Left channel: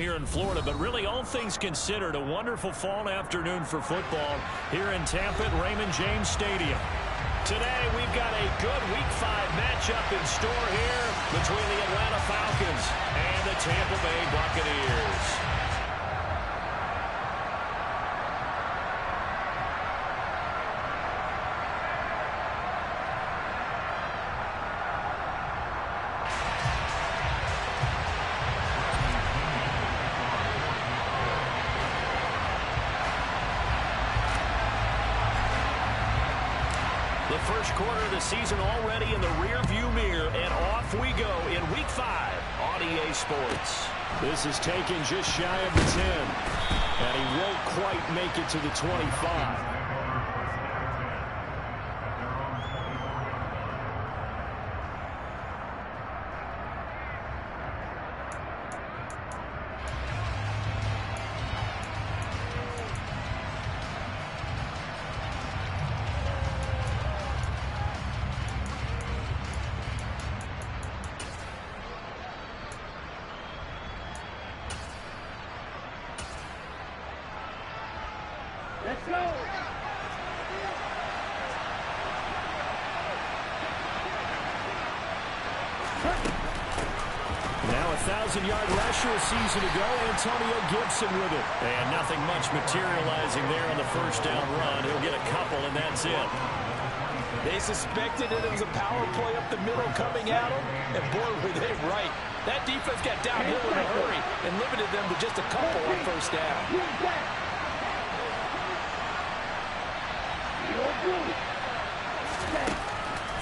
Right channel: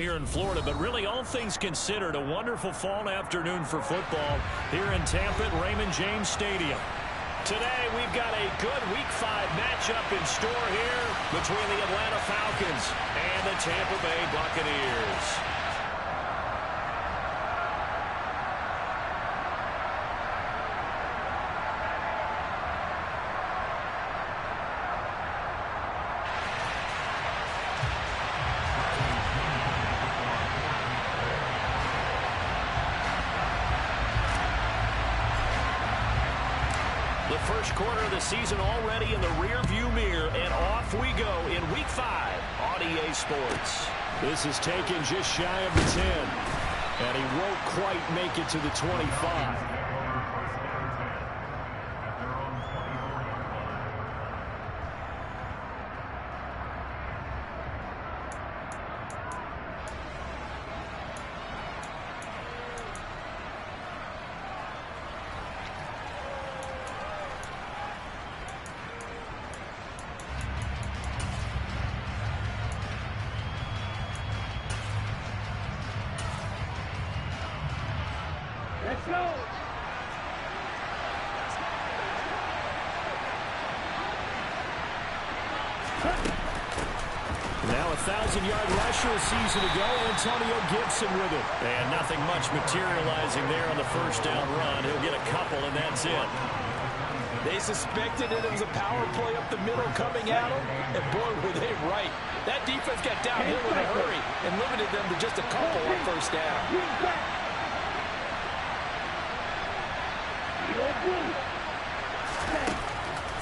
Here in Florida, but really all things considered, a wonderful fall afternoon for football here in Tampa at Raymond James Stadium. Today we've got a good Week 5 matchup in store here between the Atlanta Falcons and the Tampa Bay Buccaneers. The first quarter of the season already in the rear-view mirror, and off we go in Week 5 on EA Sports. This is taken just shy of the 10, and he won't quite make it to the 25. Let's go! Now a 1,000-yard rusher a season ago, Antonio Gibson with it. And nothing much materializing there on the first down run. He'll get a couple, and that's it. They suspected it was a power play up the middle coming at them, and boy, were they right. That defense got downhill in a hurry and limited them to just a couple on first down.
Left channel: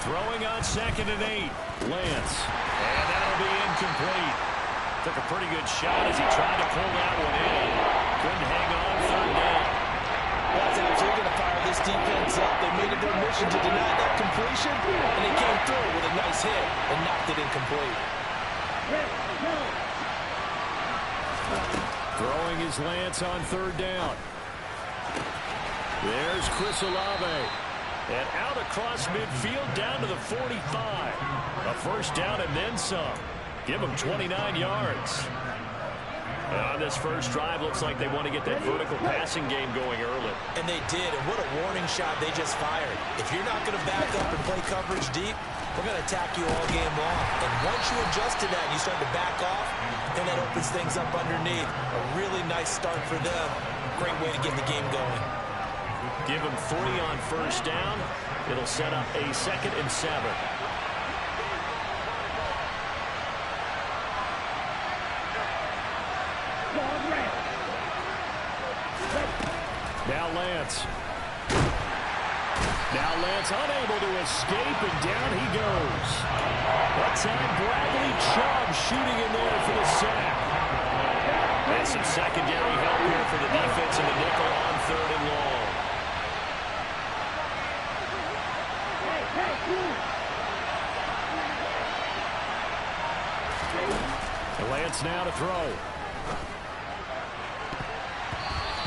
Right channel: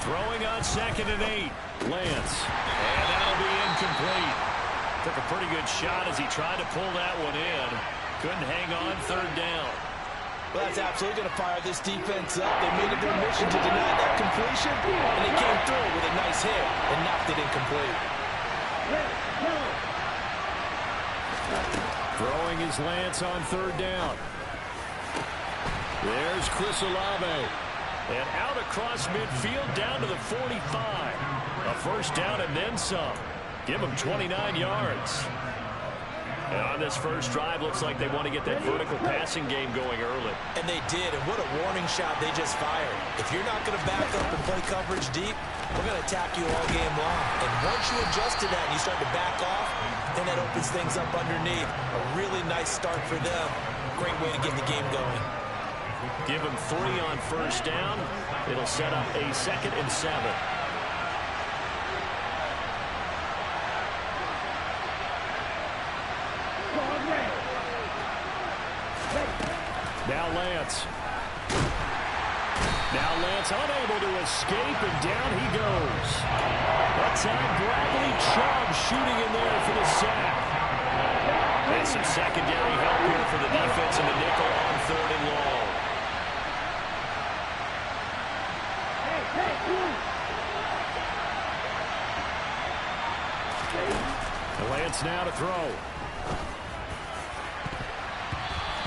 Throwing on 2nd and 8. Lance. And that'll be incomplete. Took a pretty good shot as he tried to pull that one in. Couldn't hang on 3rd down. Well, that's absolutely going to fire this defense up. They made it their mission to deny that completion, and they came through with a nice hit and knocked it incomplete. Throwing is Lance on 3rd down. There's Chris Olave. And out across midfield down to the 45. A first down and then some. Give them 29 yards. And on this first drive, looks like they want to get that vertical passing game going early. And they did, and what a warning shot they just fired. If you're not going to back up and play coverage deep, we're going to attack you all game long. And once you adjust to that and you start to back off, then that opens things up underneath. A really nice start for them. Great way to get the game going. Give him 3 on first down. It'll set up a 2nd and 7. Now Lance. Now Lance unable to escape, and down he goes. That time Bradley Chubb shooting in there for the sack. And some secondary help here for the defense in the nickel on 3rd and long. And Lance now to throw.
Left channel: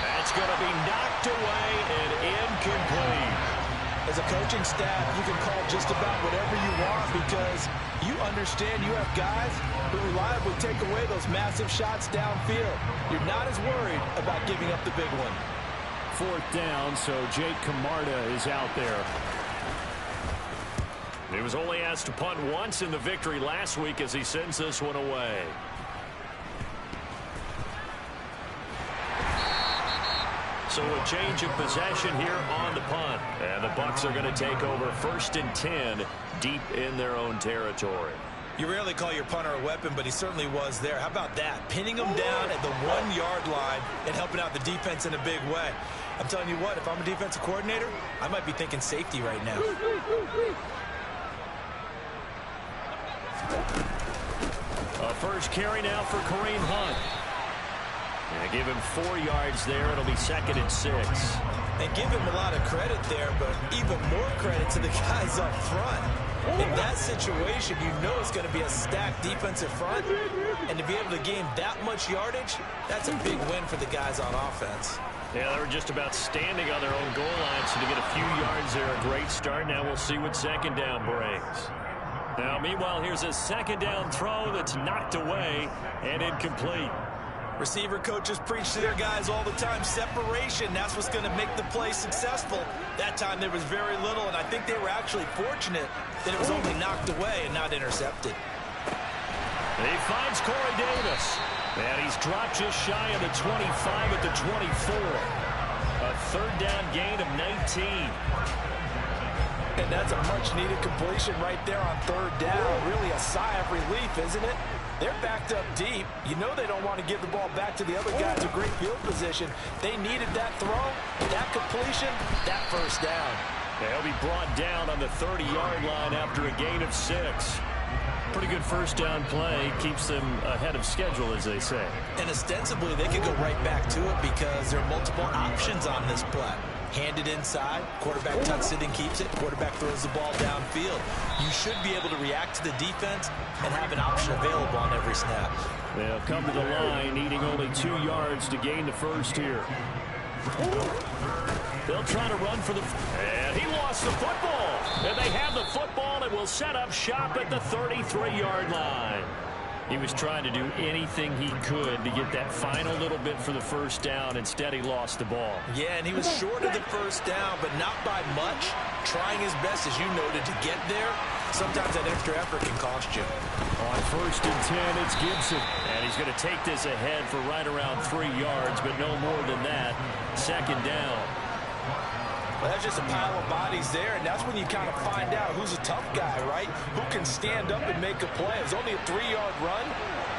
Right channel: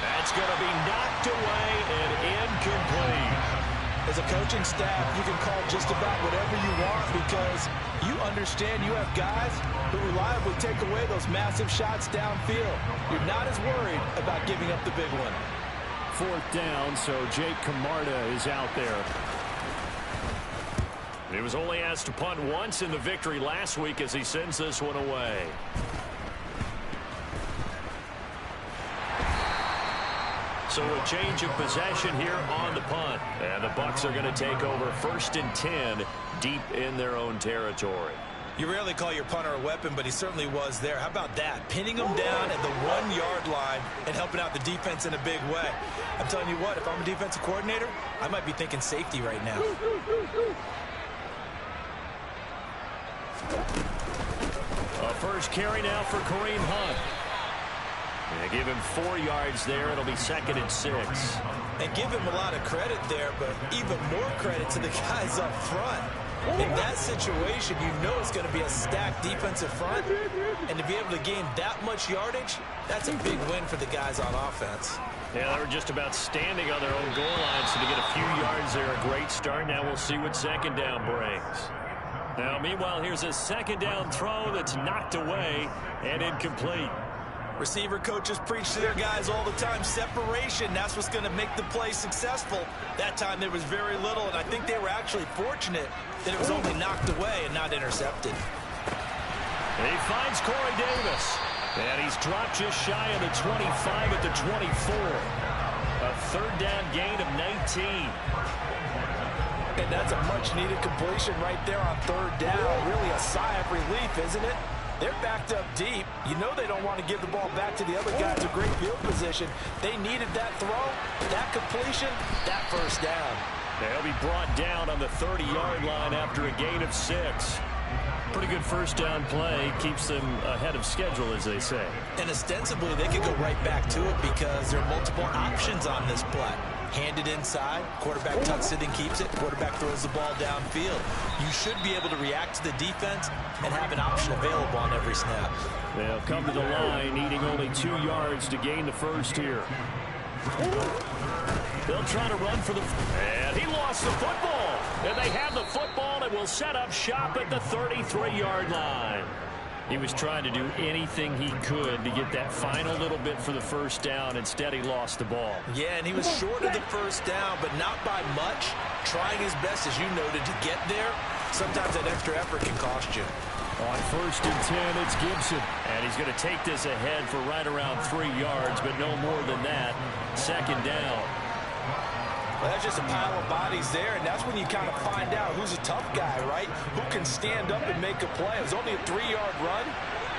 That's going to be knocked away and incomplete. As a coaching staff, you can call just about whatever you want because you understand you have guys who reliably take away those massive shots downfield. You're not as worried about giving up the big one. 4th down, so Jake Camarda is out there. He was only asked to punt once in the victory last week as he sends this one away. So a change of possession here on the punt. And the Bucs are going to take over 1st and 10 deep in their own territory. You rarely call your punter a weapon, but he certainly was there. How about that? Pinning him down at the 1-yard line and helping out the defense in a big way. I'm telling you what, if I'm a defensive coordinator, I might be thinking safety right now. A first carry now for Kareem Hunt. Yeah, give him 4 yards there. It'll be 2nd and 6. And give him a lot of credit there, but even more credit to the guys up front. In that situation, you know it's going to be a stacked defensive front. And to be able to gain that much yardage, that's a big win for the guys on offense. Yeah, they were just about standing on their own goal line, so to get a few yards there, a great start. Now we'll see what 2nd down brings. Now, meanwhile, here's a 2nd down throw that's knocked away and incomplete. Receiver coaches preach to their guys all the time. Separation, that's what's going to make the play successful. That time there was very little, and I think they were actually fortunate that it was only knocked away and not intercepted. He finds Corey Davis. And he's dropped just shy of the 25 at the 24. A third down gain of 19. And that's a much-needed completion right there on third down. Really a sigh of relief, isn't it? They're backed up deep. You know they don't want to give the ball back to the other guy to great field position. They needed that throw, that completion, that first down. They'll be brought down on the 30-yard line after a gain of 6. Pretty good first down play. Keeps them ahead of schedule, as they say. And ostensibly, they could go right back to it because there are multiple options on this play. Handed inside, quarterback tucks it and keeps it, quarterback throws the ball downfield. You should be able to react to the defense and have an option available on every snap. They'll come to the line, needing only 2 yards to gain the first here. They'll try to run for the... And he lost the football. And they have the football and will set up shop at the 33-yard line. He was trying to do anything he could to get that final little bit for the first down. Instead, he lost the ball. Yeah, and he was short of the first down, but not by much. Trying his best, as you noted, to get there. Sometimes that extra effort can cost you. On 1st and 10, it's Gibson. And he's going to take this ahead for right around 3 yards, but no more than that. 2nd down. Well, that's just a pile of bodies there, and that's when you kind of find out who's a tough guy, right? Who can stand up and make a play. It was only a 3-yard run,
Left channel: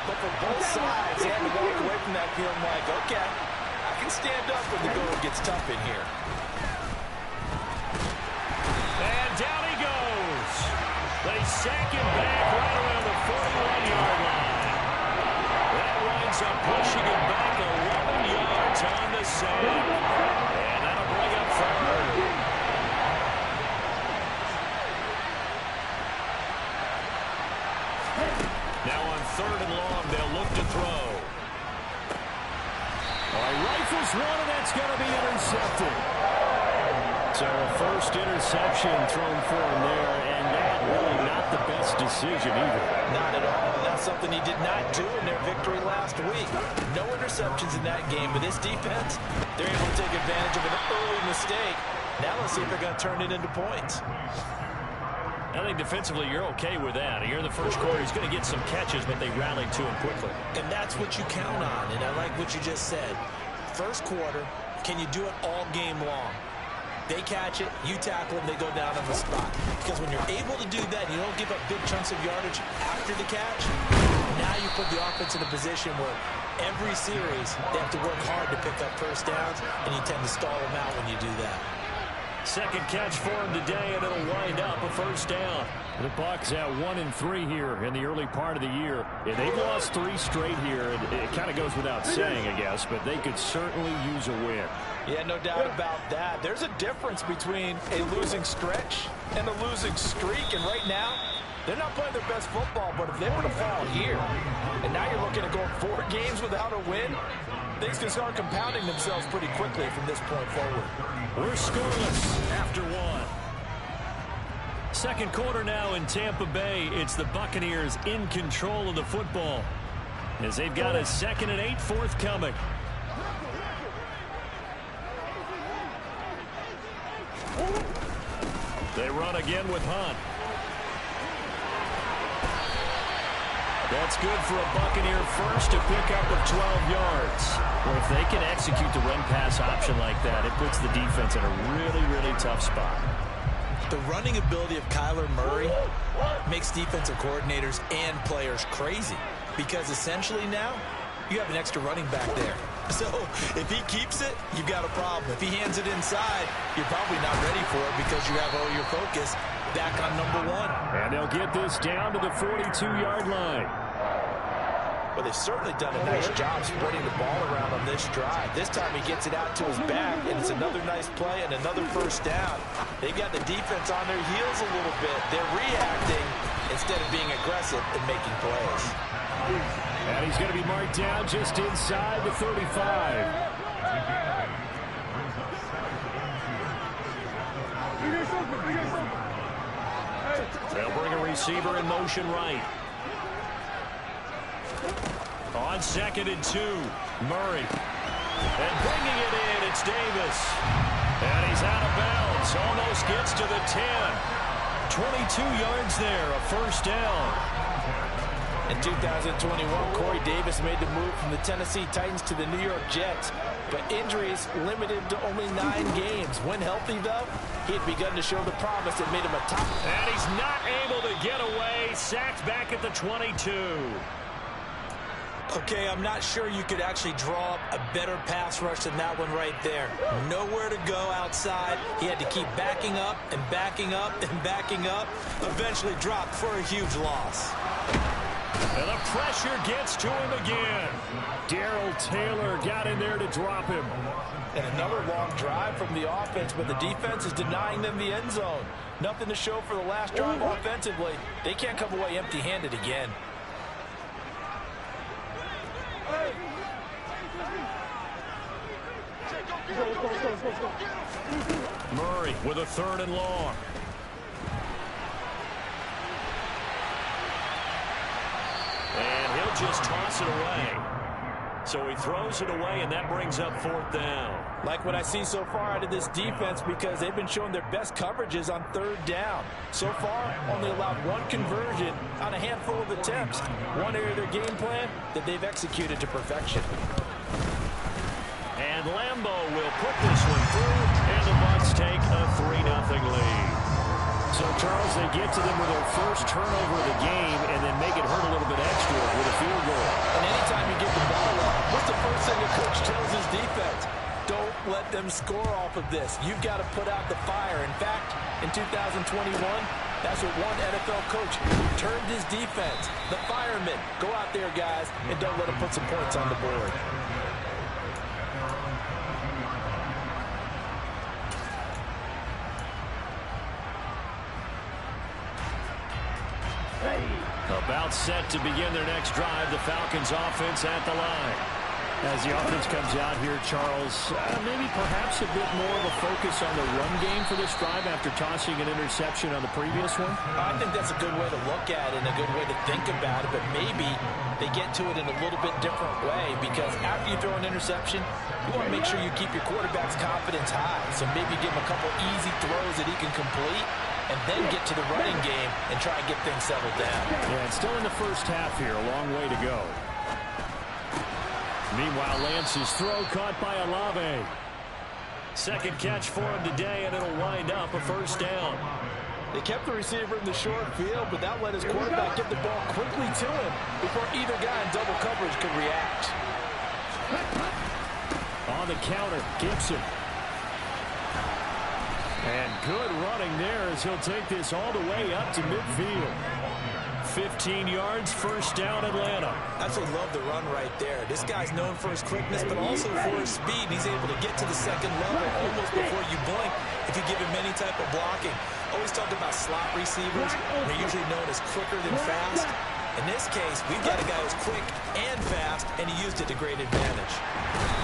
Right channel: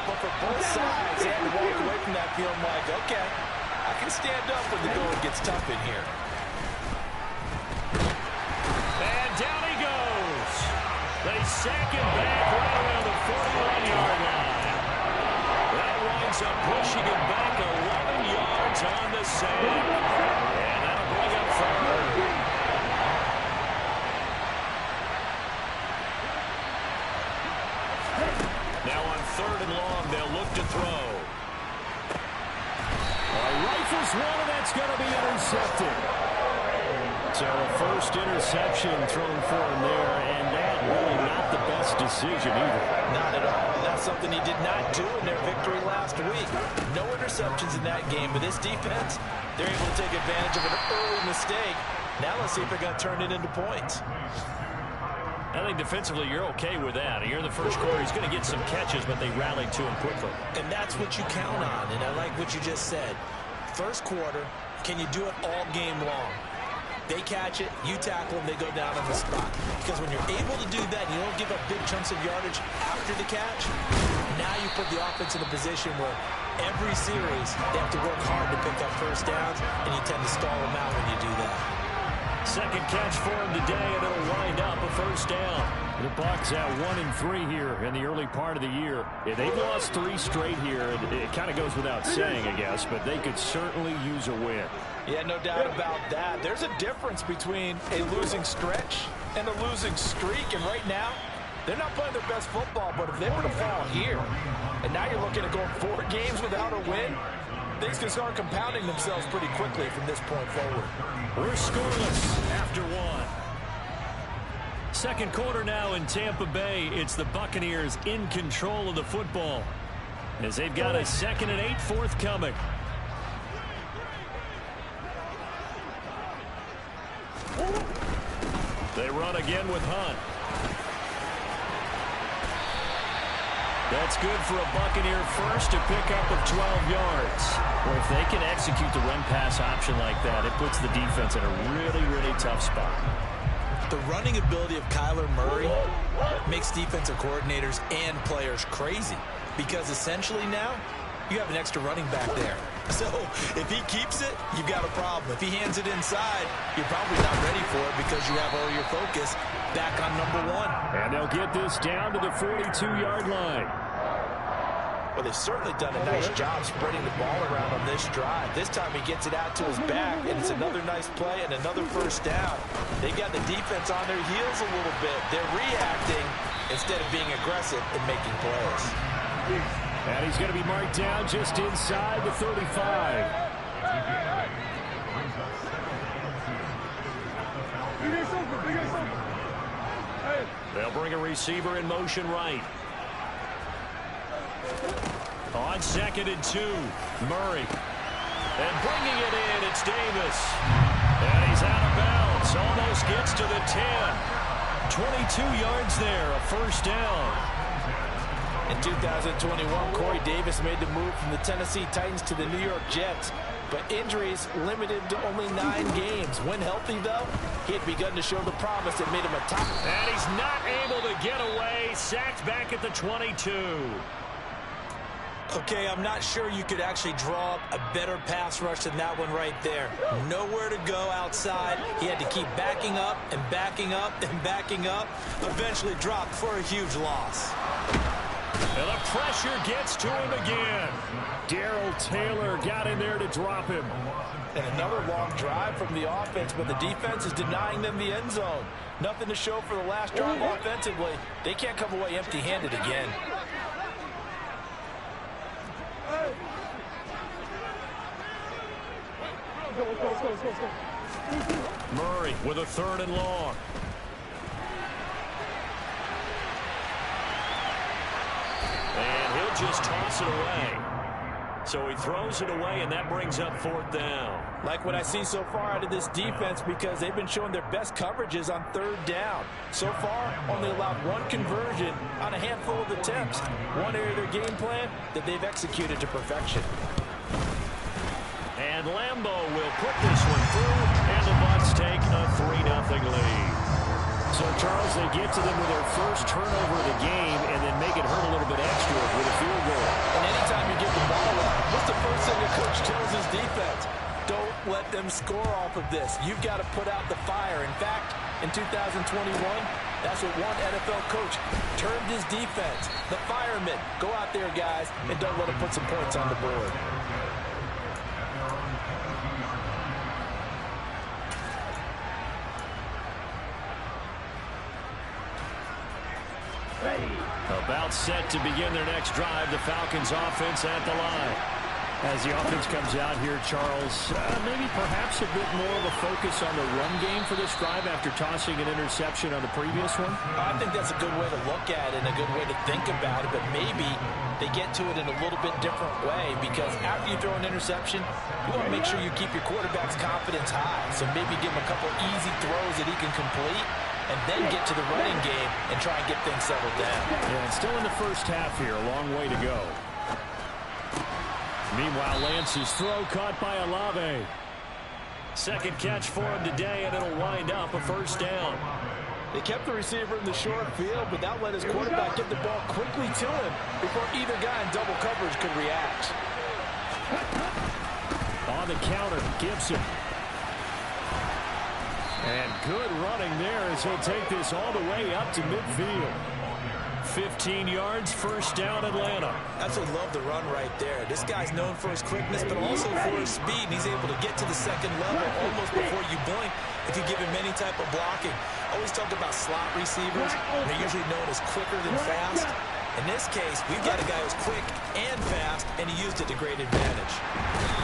but for both sides, they had to walk away from that feeling like, okay, I can stand up when the going gets tough in here. And down he goes. They sack him back right around the 41-yard line. That winds up pushing him back 11 yards on the sack. And that'll bring up 3rd. Now on 3rd and long, they'll look to throw. Rifles one, and that's going to be intercepted. So a first interception thrown for him there, and that really not the best decision either. Not at all. And that's something he did not do in their victory last week. No interceptions in that game, but this defense, they're able to take advantage of an early mistake. Now let's see if they're going to turn it into points. I think defensively you're okay with that. Here in the first quarter, he's going to get some catches, but they rallied to him quickly. And that's what you count on, and I like what you just said. First quarter, can you do it all game long? They catch it, you tackle them, they go down on the spot. Because when you're able to do that, and you don't give up big chunks of yardage after the catch, now you put the offense in a position where every series they have to work hard to pick up first downs, and you tend to stall them out when you do that. Second catch for him today, and it'll wind up a first down. The Bucs at 1-3 here in the early part of the year. Yeah, they've lost 3 straight here. It kind of goes without saying, I guess, but they could certainly use a win. Yeah, no doubt about that. There's a difference between a losing stretch and a losing streak, and right now, they're not playing their best football, but if they were to fall here, and now you're looking at going 4 games without a win, things can start compounding themselves pretty quickly from this point forward. We're scoreless after 1. Second quarter now in Tampa Bay. It's the Buccaneers in control of the football as they've got a 2nd and 8 forthcoming. They run again with Hunt. That's good for a Buccaneer first to pick up of 12 yards. Well, if they can execute the run-pass option like that, it puts the defense in a really, really tough spot. The running ability of Kyler Murray makes defensive coordinators and players crazy because essentially now you have an extra running back there. So if he keeps it, you've got a problem. If he hands it inside, you're probably not ready for it because you have all your focus back on number 1. And they'll get this down to the 42-yard line. Well, they've certainly done a nice job spreading the ball around on this drive. This time he gets it out to his back, and it's another nice play and another first down. They've got the defense on their heels a little bit. They're reacting instead of being aggressive and making plays. And he's going to be marked down just inside the 35. They'll bring a receiver in motion right. On 2nd and 2, Murray. And bringing it in, it's Davis. And he's out of bounds. Almost gets to the 10. 22 yards there, a first down. In 2021, Corey Davis made the move from the Tennessee Titans to the New York Jets. But injuries limited to only 9 games. When healthy, though, he had begun to show the promise that made him a top. And he's not able to get away. Sacked back at the 22. Okay, I'm not sure you could actually draw up a better pass rush than that one right there. Nowhere to go outside. He had to keep backing up and backing up and backing up. Eventually dropped for a huge loss. And the pressure gets to him again. Darrell Taylor got in there to drop him. And another long drive from the offense, but the defense is denying them the end zone. Nothing to show for the last drive offensively. They can't come away empty-handed again. Murray with a 3rd and long. And he'll just toss it away. So he throws it away, and that brings up 4th down. Like what I see so far out of this defense, because they've been showing their best coverages on 3rd down. So far, only allowed 1 conversion on a handful of attempts. One area of their game plan that they've executed to perfection. And Lambeau will put this one through, and the Bucs take a 3-0 lead. So, Charles, they get to them with their first turnover of the game and then make it hurt a little bit extra with a field goal. And anytime you get the ball up, what's the first thing a coach tells his defense? Don't let them score off of this. You've got to put out the fire. In fact, in 2021, that's what one NFL coach termed his defense. The firemen. Go out there, guys, and don't let them put some points on the board. About set to begin their next drive, the Falcons offense at the line. As the offense comes out here, Charles, maybe perhaps a bit more of a focus on the run game for this drive after tossing an interception on the previous one? I think that's a good way to look at it and a good way to think about it, but maybe they get to it in a little bit different way, because after you throw an interception, you want to make sure you keep your quarterback's confidence high. So maybe give him a couple easy throws that he can complete, and then get to the running game and try and get things settled down. Yeah, it's still in the first half here. A long way to go. Meanwhile, Lance's throw caught by Olave. Second catch for him today, and it'll wind up a first down. They kept the receiver in the short field, but that let his quarterback get the ball quickly to him before either guy in double coverage could react. On the counter, Gibson. And good running there as he'll take this all the way up to midfield. 15 yards, first down, Atlanta. Absolutely love the run right there. This guy's known for his quickness, but also for his speed. He's able to get to the second level almost before you blink if you give him any type of blocking. Always talk about slot receivers. They're usually known as quicker than fast. In this case, we've got a guy who's quick and fast, and he used it to great advantage.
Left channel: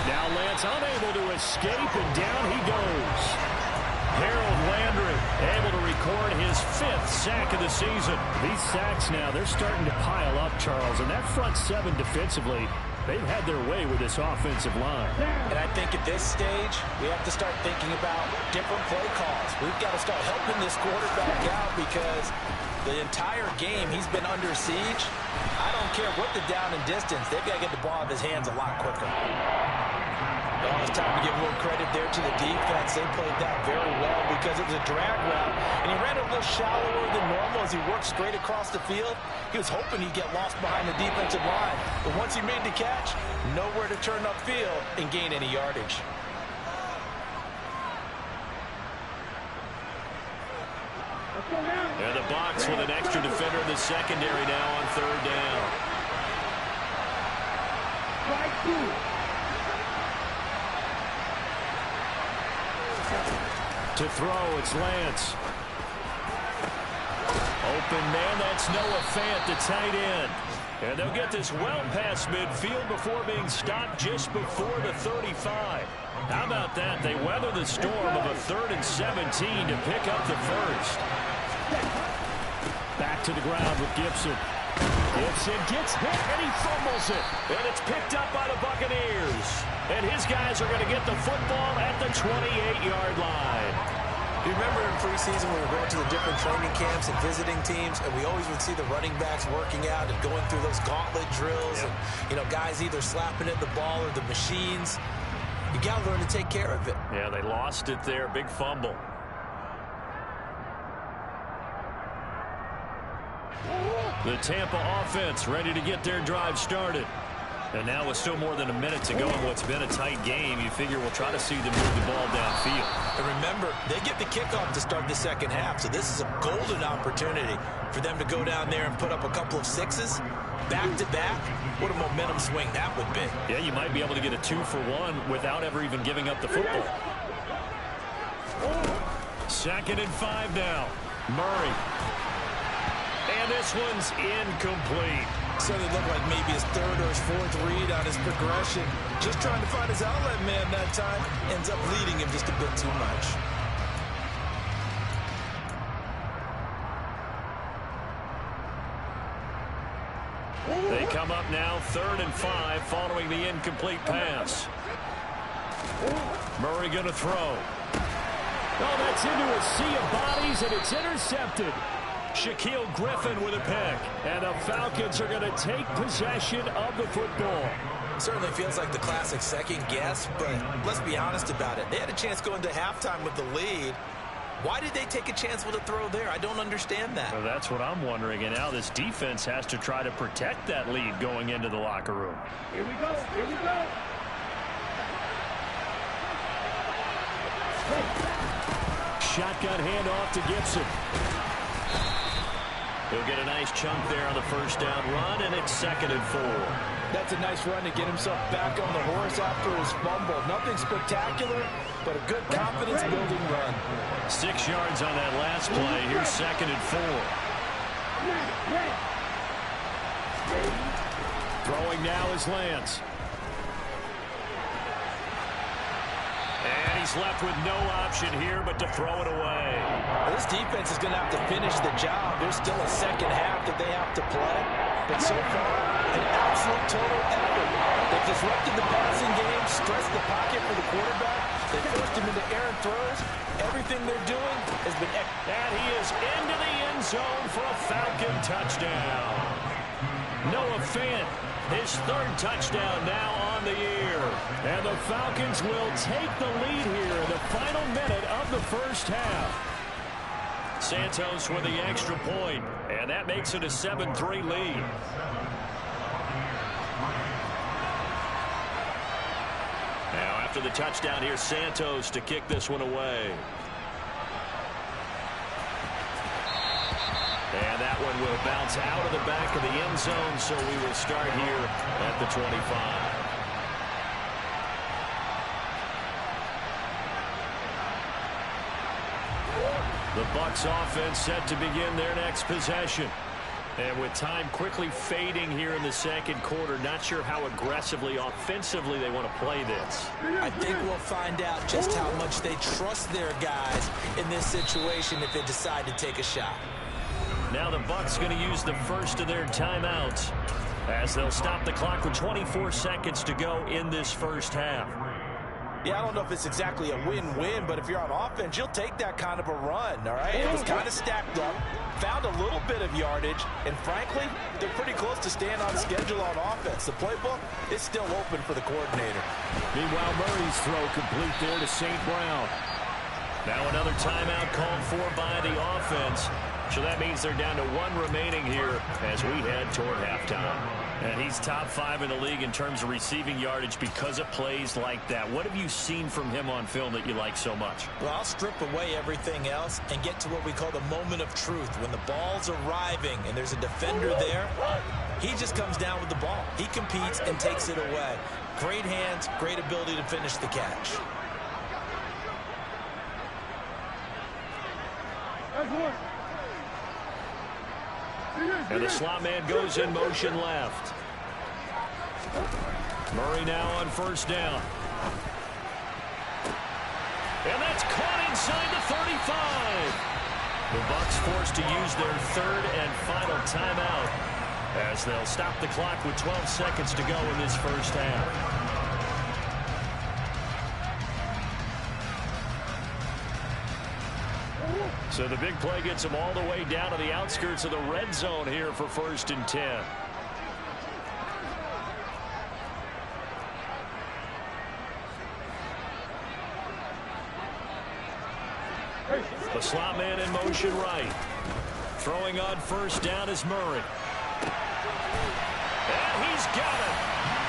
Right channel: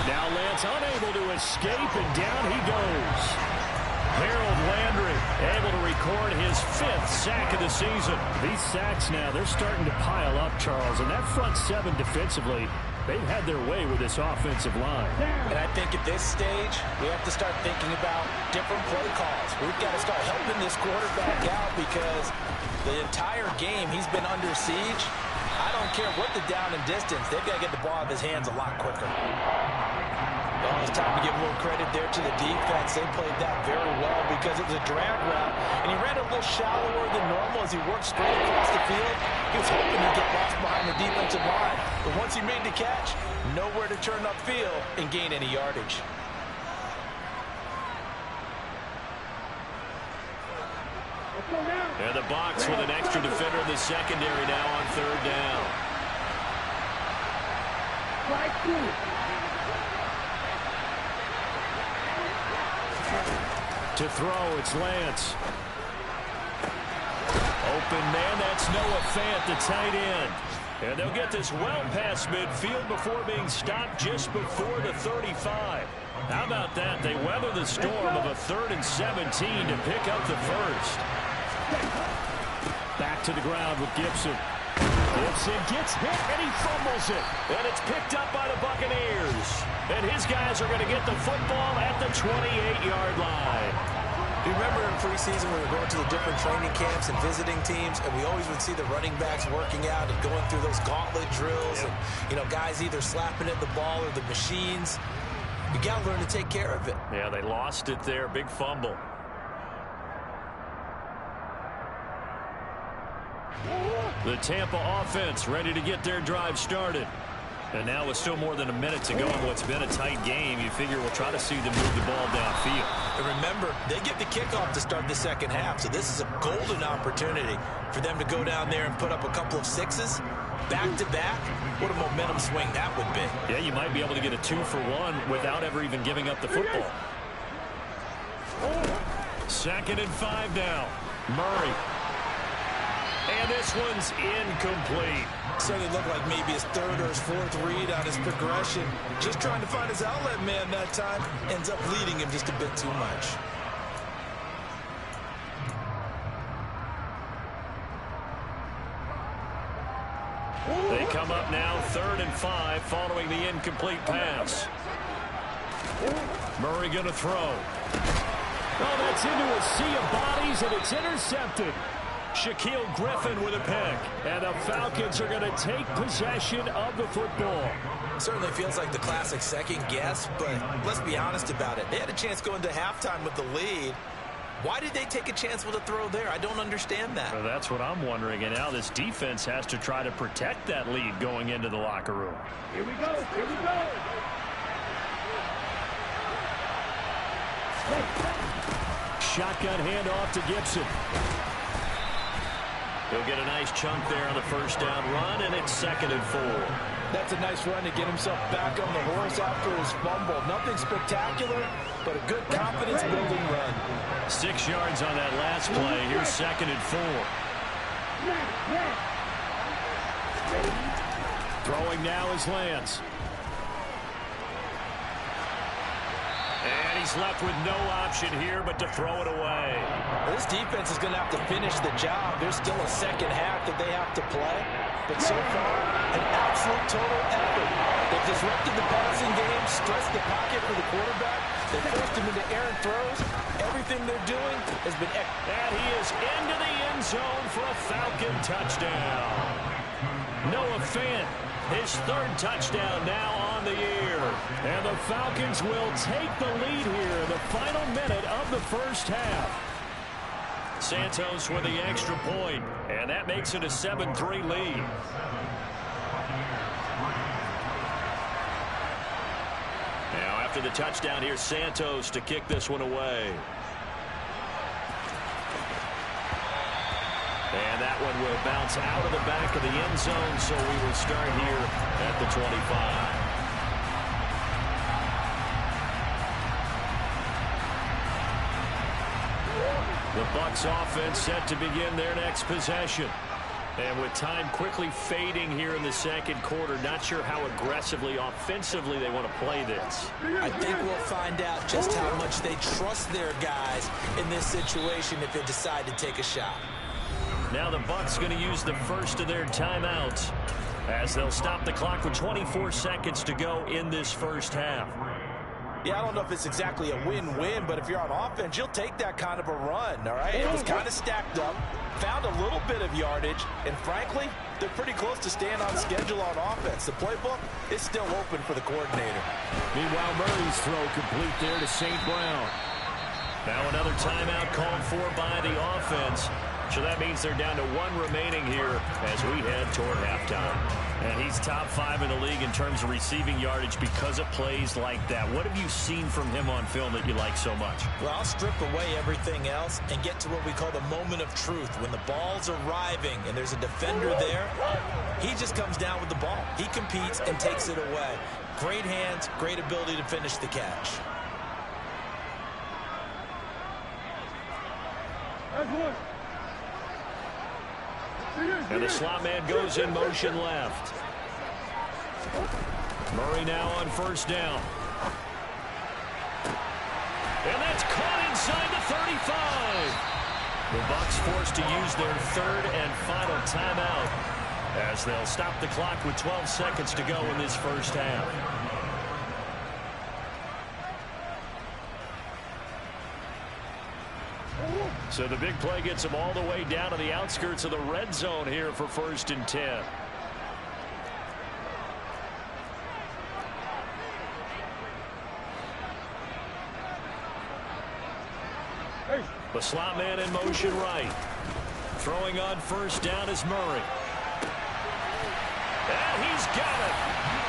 Now Lance unable to escape, and down he goes. Harold Landry able to record his 5th sack of the season. These sacks now, they're starting to pile up, Charles. And that front 7 defensively, they've had their way with this offensive line. And I think at this stage, we have to start thinking about different play calls. We've got to start helping this quarterback out, because the entire game he's been under siege. I don't care what the down and distance, they've got to get the ball out of his hands a lot quicker. Oh, it's time to give a little credit there to the defense. They played that very well because it was a drag route, and he ran a little shallower than normal as he worked straight across the field. He was hoping he'd get lost behind the defensive line, but once he made the catch, nowhere to turn upfield and gain any yardage. And the Bucs with an extra defender in the secondary now on 3rd down. To throw, it's Lance. Open man, that's Noah Fant, the tight end. And they'll get this well past midfield before being stopped just before the 35. How about that? They weather the storm of a 3rd and 17 to pick up the first. Back to the ground with Gibson. Gibson gets hit, and he fumbles it. And it's picked up by the Buccaneers. And his guys are going to get the football at the 28-yard line. Do you remember in preseason we were going to the different training camps and visiting teams, and we always would see the running backs working out and going through those gauntlet drills, and, you know, guys either slapping at the ball or the machines. You got to learn to take care of it. Yeah, they lost it there. Big fumble. The Tampa offense ready to get their drive started. And now with still more than a minute to go in what's been a tight game, you figure we'll try to see them move the ball downfield. And remember, they get the kickoff to start the second half, so this is a golden opportunity for them to go down there and put up a couple of sixes back-to-back. What a momentum swing that would be. Yeah, you might be able to get a 2-for-1 without ever even giving up the football. 2nd and 5 now. Murray. And this one's incomplete. Certainly looked like maybe his 3rd or his 4th read on his progression. Just trying to find his outlet man that time. Ends up leading him just a bit too much. They come up now 3rd and 5 following the incomplete pass. Murray going to throw. Oh, that's into a sea of bodies, and it's intercepted. Shaquille Griffin with a pick. And the Falcons are going to take possession of the football. Certainly feels like the classic second guess, but let's be honest about it. They had a chance going into halftime with the lead. Why did they take a chance with a throw there? I don't understand that. Well, that's what I'm wondering. And now this defense has to try to protect that lead going into the locker room. Here we go. Here we go. Shotgun handoff to Gibson. He'll get a nice chunk there on the first down run, and it's 2nd and 4. That's a nice run to get himself back on the horse after his fumble. Nothing spectacular, but a good confidence-building run. 6 yards on that last play. Here's 2nd and 4. Throwing now is Lance. And he's left with no option here but to throw it away. This defense is going to have to finish the job. There's still a second half that they have to play. But so far, an absolute total effort. They've disrupted the passing game, stressed the pocket for the quarterback. They forced him into errant throws. Everything they're doing has been excellent. And he is into the end zone for a Falcon touchdown. Noah Fant, his 3rd touchdown now on the year. And the Falcons will take the lead here in the final minute of the first half. Santos with the extra point, and that makes it a 7-3 lead. Now after the touchdown, here's Santos to kick this one away. And that one will bounce out of the back of the end zone, so we will start here at the 25. The Bucs offense set to begin their next possession. And with time quickly fading here in the second quarter, not sure how aggressively, offensively they want to play this. I think we'll find out just how much they trust their guys in this situation if they decide to take a shot. Now the Bucs going to use the first of their timeouts as they'll stop the clock with 24 seconds to go in this first half. Yeah, I don't know if it's exactly a win-win, but if you're on offense, you'll take that kind of a run, all right? It was kind of stacked up, found a little bit of yardage, and frankly, they're pretty close to staying on schedule on offense. The playbook is still open for the coordinator. Meanwhile, Murray's throw complete there to St. Brown. Now another timeout called for by the offense. So that means they're down to 1 remaining here as we head toward halftime. And he's top 5 in the league in terms of receiving yardage because of plays like that. What have you seen from him on film that you like so much? Well, I'll strip away everything else and get to what we call the moment of truth. When the ball's arriving and there's a defender there, he just comes down with the ball. He competes and takes it away. Great hands, great ability to finish the catch. And the slot man goes in motion left. Murray now on first down. And that's caught inside the 35. The Bucs forced to use their 3rd and final timeout. as they'll stop the clock with 12 seconds to go in this first half. So the big play gets them all the way down to the outskirts of the red zone here for 1st and 10. The slot man in motion right. Throwing on 1st down is Murray. And he's got it.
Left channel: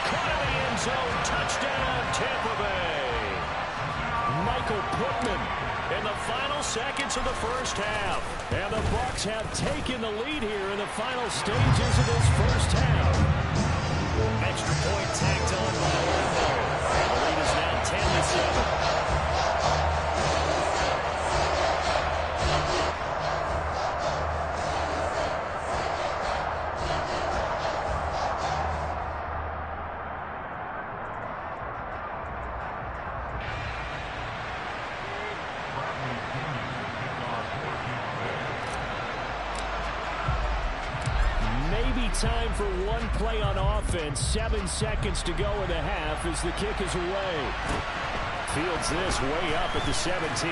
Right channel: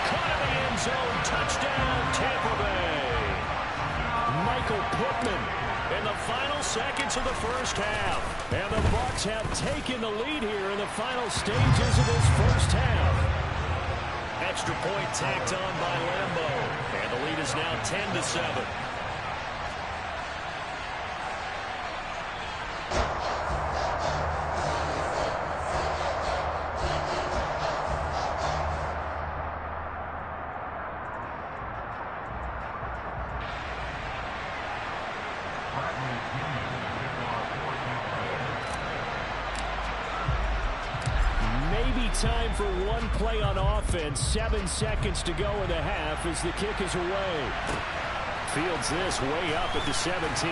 Caught in the end zone. Touchdown, Tampa Bay. Michael Pittman in the final seconds of the first half. And the Bucs have taken the lead here in the final stages of this first half. Extra point tacked on by Lambo. And the lead is now 10-7. Maybe time for one play on offense. 7 seconds to go in the half as the kick is away. Fields this way up at the 17.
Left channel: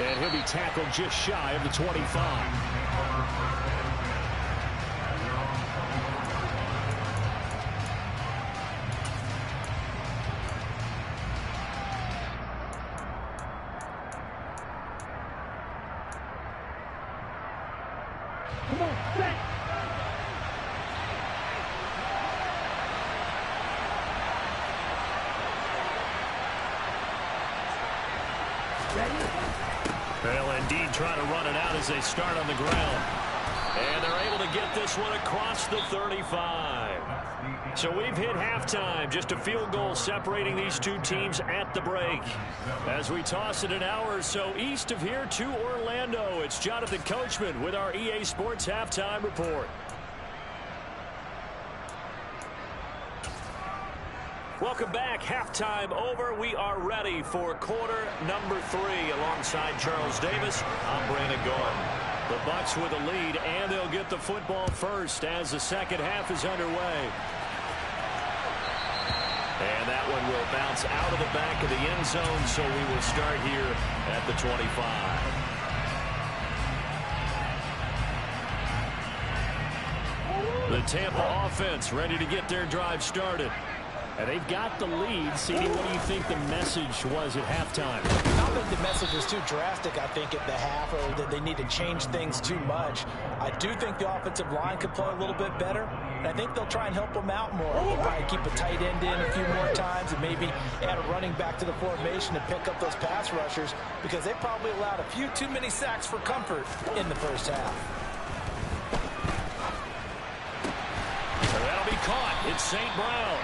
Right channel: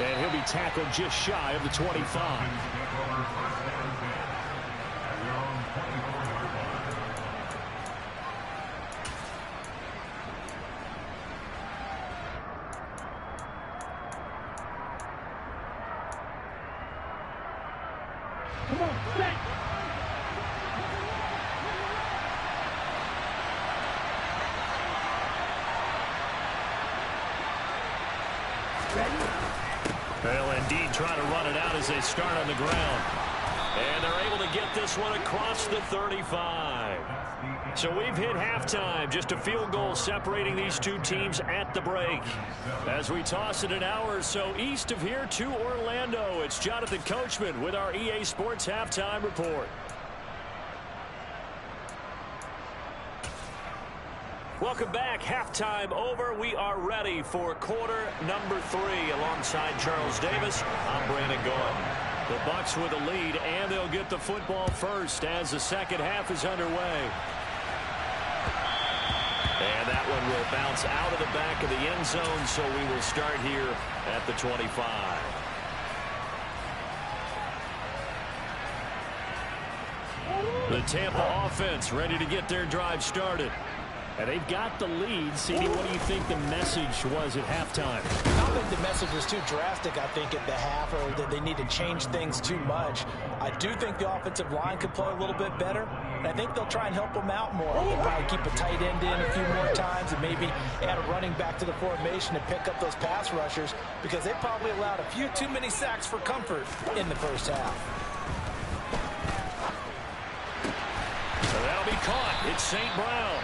And he'll be tackled just shy of the 25. Come on, set. They'll indeed try to run it out as they start on the ground. And they're able to get this one across the 35. So we've hit halftime. Just a field goal separating these two teams at the break. As we toss it an hour or so east of here to Orlando, it's Jonathan Coachman with our EA Sports Halftime Report. Welcome back. Halftime over. We are ready for quarter number 3. Alongside Charles Davis, I'm Brandon Gordon. The Bucs with a lead, and they'll get the football first as the second half is underway. And that one will bounce out of the back of the end zone, so we will start here at the 25. The Tampa offense ready to get their drive started. And they've got the lead. CD, what do you think the message was at halftime? I don't think the message was too drastic, I think, at the half, or that they need to change things too much. I do think the offensive line could play a little bit better, and I think they'll try and help them out more. They'll probably keep a tight end in a few more times and maybe add a running back to the formation and pick up those pass rushers, because they probably allowed a few too many sacks for comfort in the first half. So that'll be caught. It's St. Brown.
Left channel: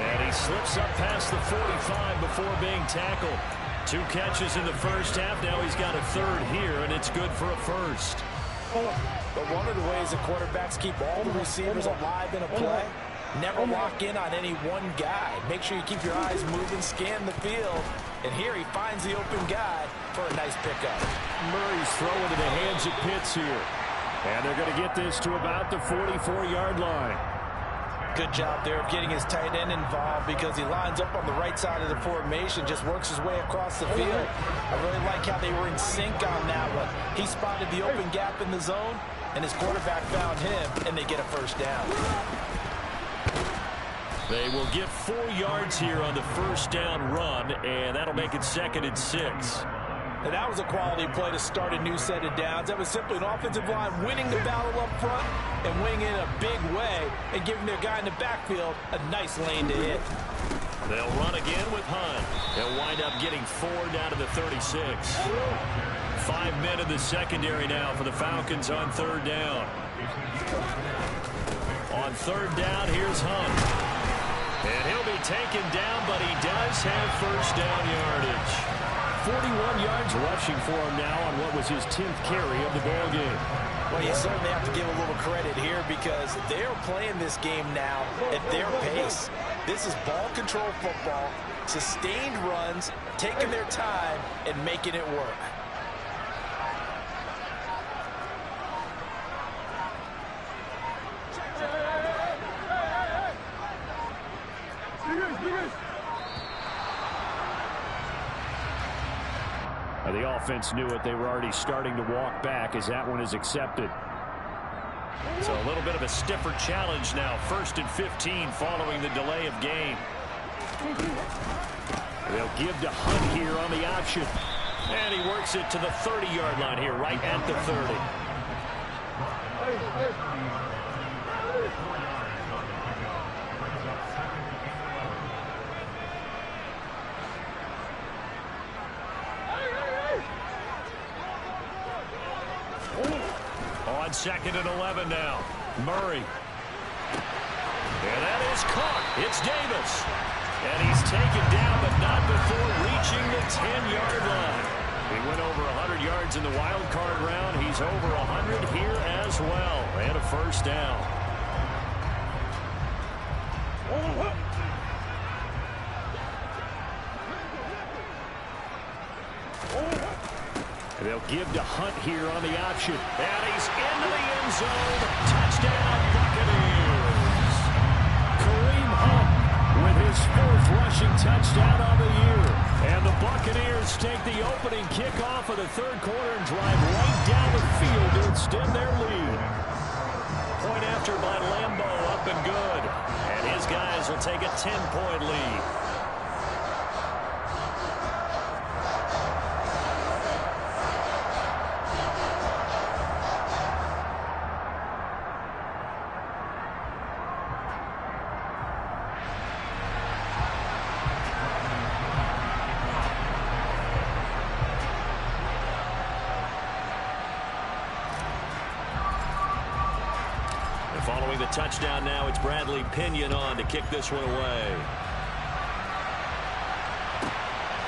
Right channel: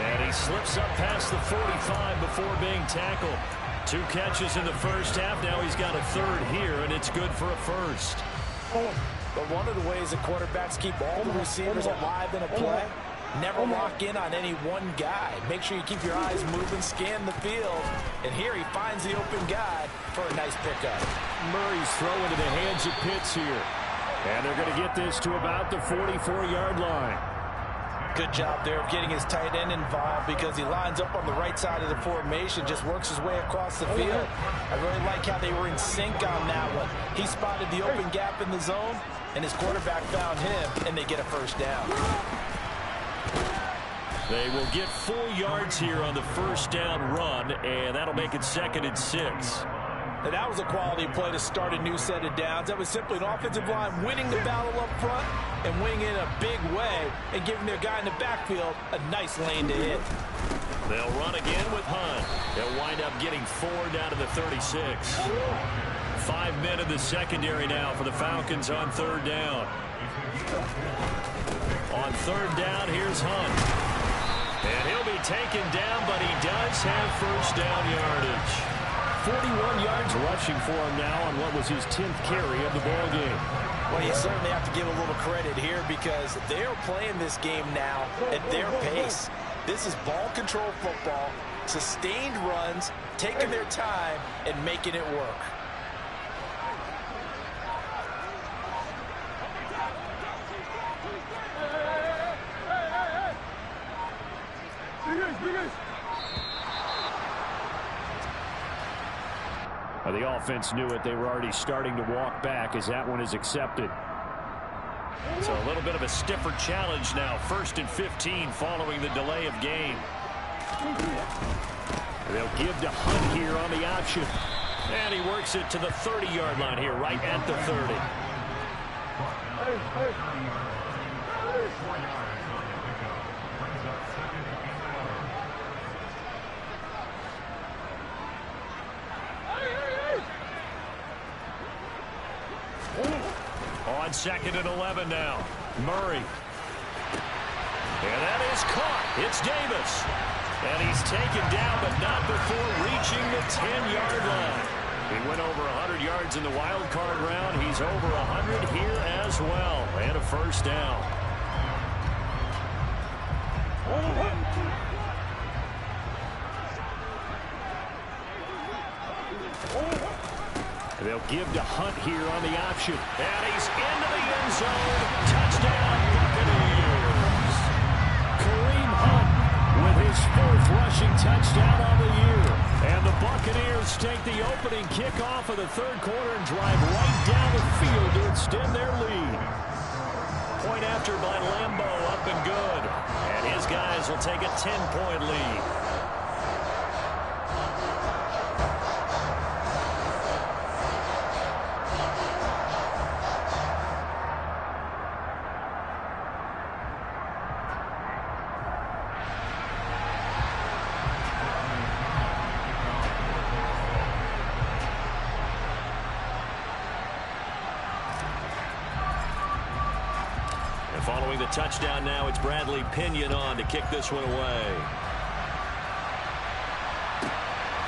And he slips up past the 45 before being tackled. 2 catches in the first half. Now he's got a third here, and it's good for a first. But one of the ways that quarterbacks keep all the receivers alive in a play, never lock in on any one guy. Make sure you keep your eyes moving, scan the field. And here he finds the open guy for a nice pickup. Murray's throw into the hands of Pitts here. And they're going to get this to about the 44-yard line. Good job there of getting his tight end involved, because he lines up on the right side of the formation, just works his way across the field. I really like how they were in sync on that one. He spotted the open gap in the zone, and his quarterback found him, and they get a first down. They will get 4 yards here on the first down run, and that'll make it 2nd and 6. Now, that was a quality play to start a new set of downs. That was simply an offensive line winning the battle up front and winning in a big way and giving their guy in the backfield a nice lane to hit. They'll run again with Hunt. They'll wind up getting 4 down to the 36. 5 men in the secondary now for the Falcons on 3rd down. On 3rd down, here's Hunt. And he'll be taken down, but he does have first down yardage. 41 yards rushing for him now on what was his 10th carry of the ball game. Well, you certainly have to give a little credit here, because they're playing this game now at their pace. This is ball control football, sustained runs, taking their time and making it work. The offense knew it. They were already starting to walk back as that one is accepted. So a little bit of a stiffer challenge now. 1st and 15 following the delay of game. They'll give to Hunt here on the option. And he works it to the 30-yard line here, right at the 30. On 2nd and 11 now. Murray. And that is caught. It's Davis. And he's taken down, but not before reaching the 10-yard line. He went over 100 yards in the wild card round. He's over 100 here as well. And a first down. They'll give to Hunt here on the option. And he's into the end zone. Touchdown, Buccaneers. Kareem Hunt with his 4th rushing touchdown on the year. And the Buccaneers take the opening kickoff of the 3rd quarter and drive right down the field to extend their lead. Point after by Lambeau, up and good. And his guys will take a 10-point lead. Following the touchdown now, it's Bradley Pinion on to kick this one away.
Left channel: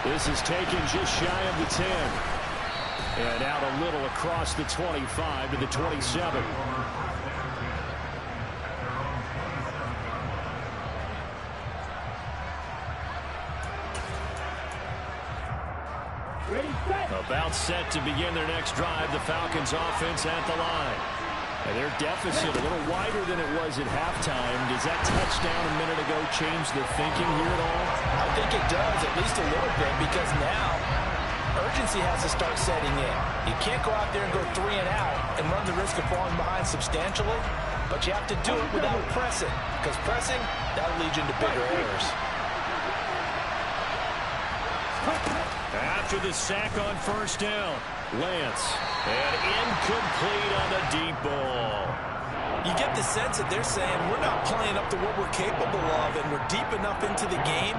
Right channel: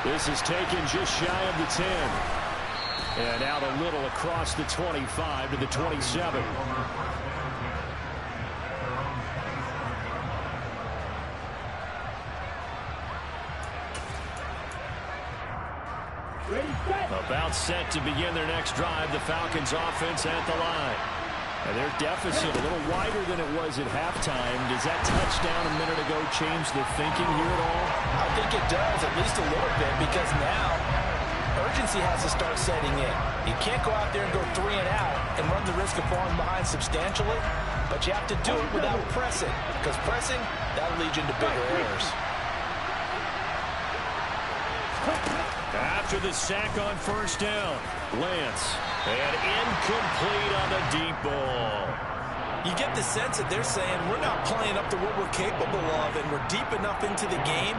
This is taken just shy of the 10. And out a little across the 25 to the 27. About set to begin their next drive. The Falcons offense at the line. And their deficit a little wider than it was at halftime. Does that touchdown a minute ago change the thinking here at all? I think it does, at least a little bit, because now urgency has to start setting in. You can't go out there and go 3 and out and run the risk of falling behind substantially, but you have to do it without pressing, because pressing, that'll lead you into bigger errors. After the sack on 1st down, Lance. And incomplete on the deep ball. You get the sense that they're saying we're not playing up to what we're capable of, and we're deep enough into the game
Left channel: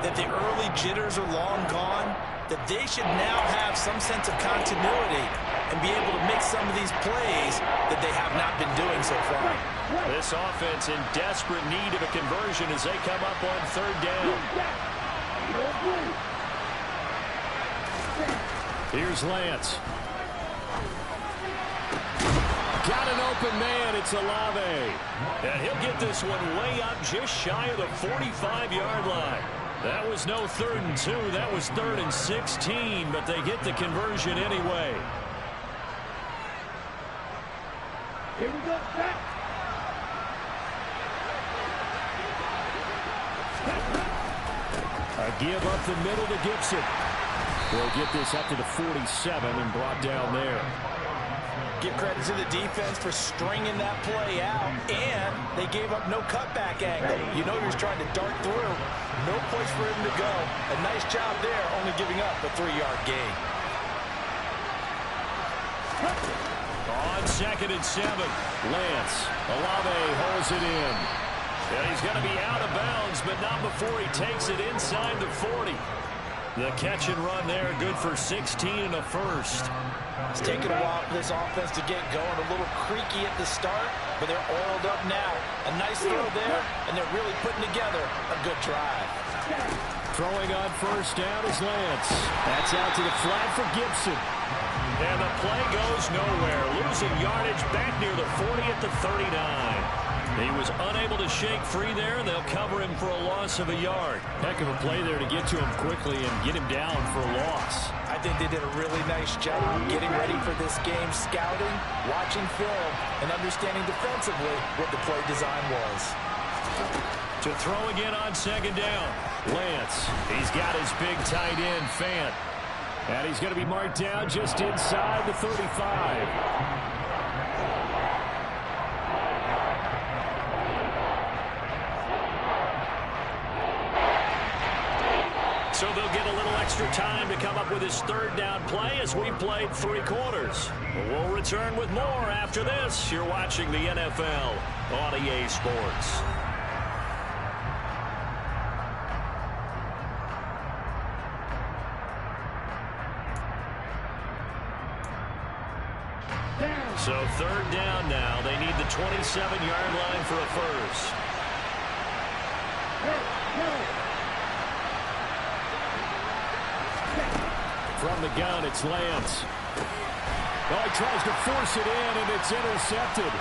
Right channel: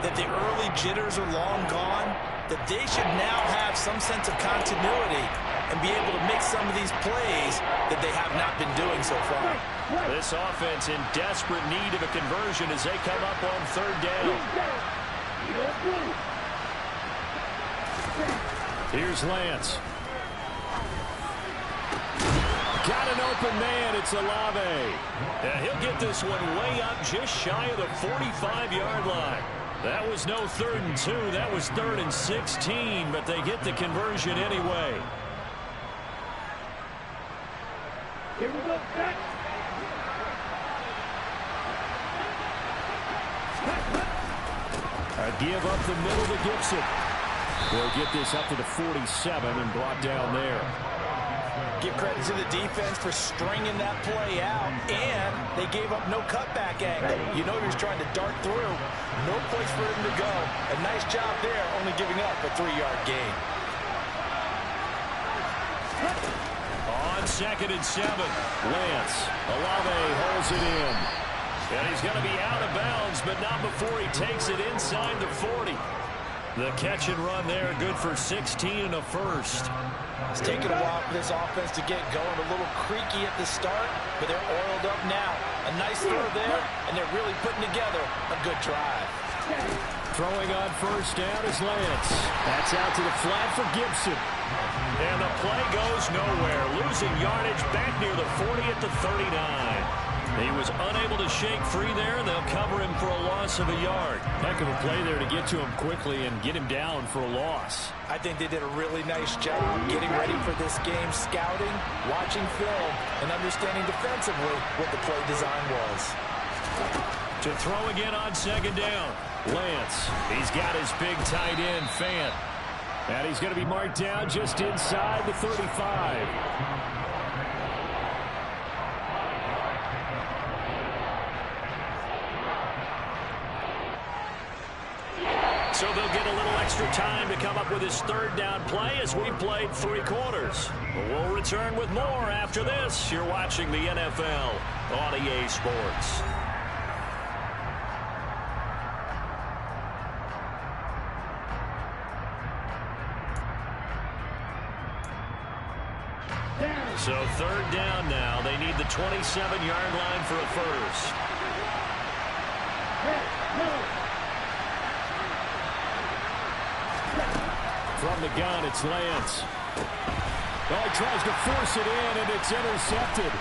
that the early jitters are long gone, that they should now have some sense of continuity and be able to make some of these plays that they have not been doing so far. This offense in desperate need of a conversion as they come up on 3rd down. Here's Lance. Got an open man. It's Olave. And he'll get this one way up just shy of the 45-yard line. That was no 3rd and 2. That was 3rd and 16, but they get the conversion anyway. Here we go, back. A give up the middle to Gibson. They'll get this up to the 47 and brought down there. Give credit to the defense for stringing that play out, and they gave up no cutback angle. You know he was trying to dart through. No place for him to go. A nice job there, only giving up a 3-yard gain. On 2nd and 7, Lance. Olave holds it in. And he's going to be out of bounds, but not before he takes it inside the 40. The catch and run there, good for 16 and a first. It's taken a while for this offense to get going. A little creaky at the start, but they're oiled up now. A nice throw there, and they're really putting together a good drive. Throwing on 1st down is Lance. That's out to the flat for Gibson. And the play goes nowhere. Losing yardage back near the 40 at the 39. He was unable to shake free there, and they'll cover him for a loss of a yard. Heck of a play there to get to him quickly and get him down for a loss. I think they did a really nice job getting ready for this game, scouting, watching film, and understanding defensively what the play design was. To throw again on second down. Lance, he's got his big tight end, Fant. And he's going to be marked down just inside the 35. So they'll get a little extra time to come up with his third down play as we played 3 quarters. We'll return with more after this. You're watching the NFL on EA Sports. So third down now. They need the 27-yard line for a first. From the gun, it's Lance. Oh, he tries to force it in, and it's intercepted.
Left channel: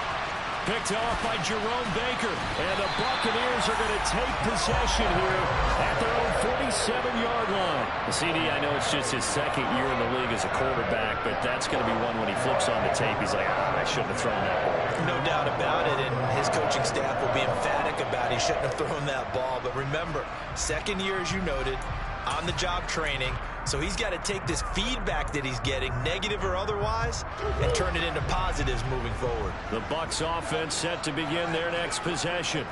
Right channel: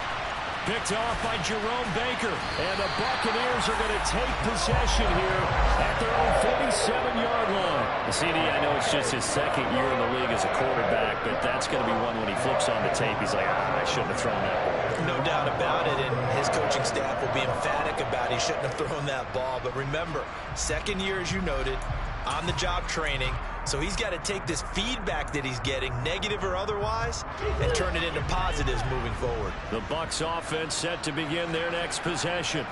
Picked off by Jerome Baker. And the Buccaneers are going to take possession here at their own 47-yard line. CD, I know it's just his second year in the league as a quarterback, but that's going to be one when he flips on the tape. He's like, I shouldn't have thrown that ball. No doubt about it, and his coaching staff will be emphatic about he shouldn't have thrown that ball. But remember, second year, as you noted, on-the-job training. So he's got to take this feedback that he's getting, negative or otherwise, and turn it into positives moving forward. The Bucs offense set to begin their next possession.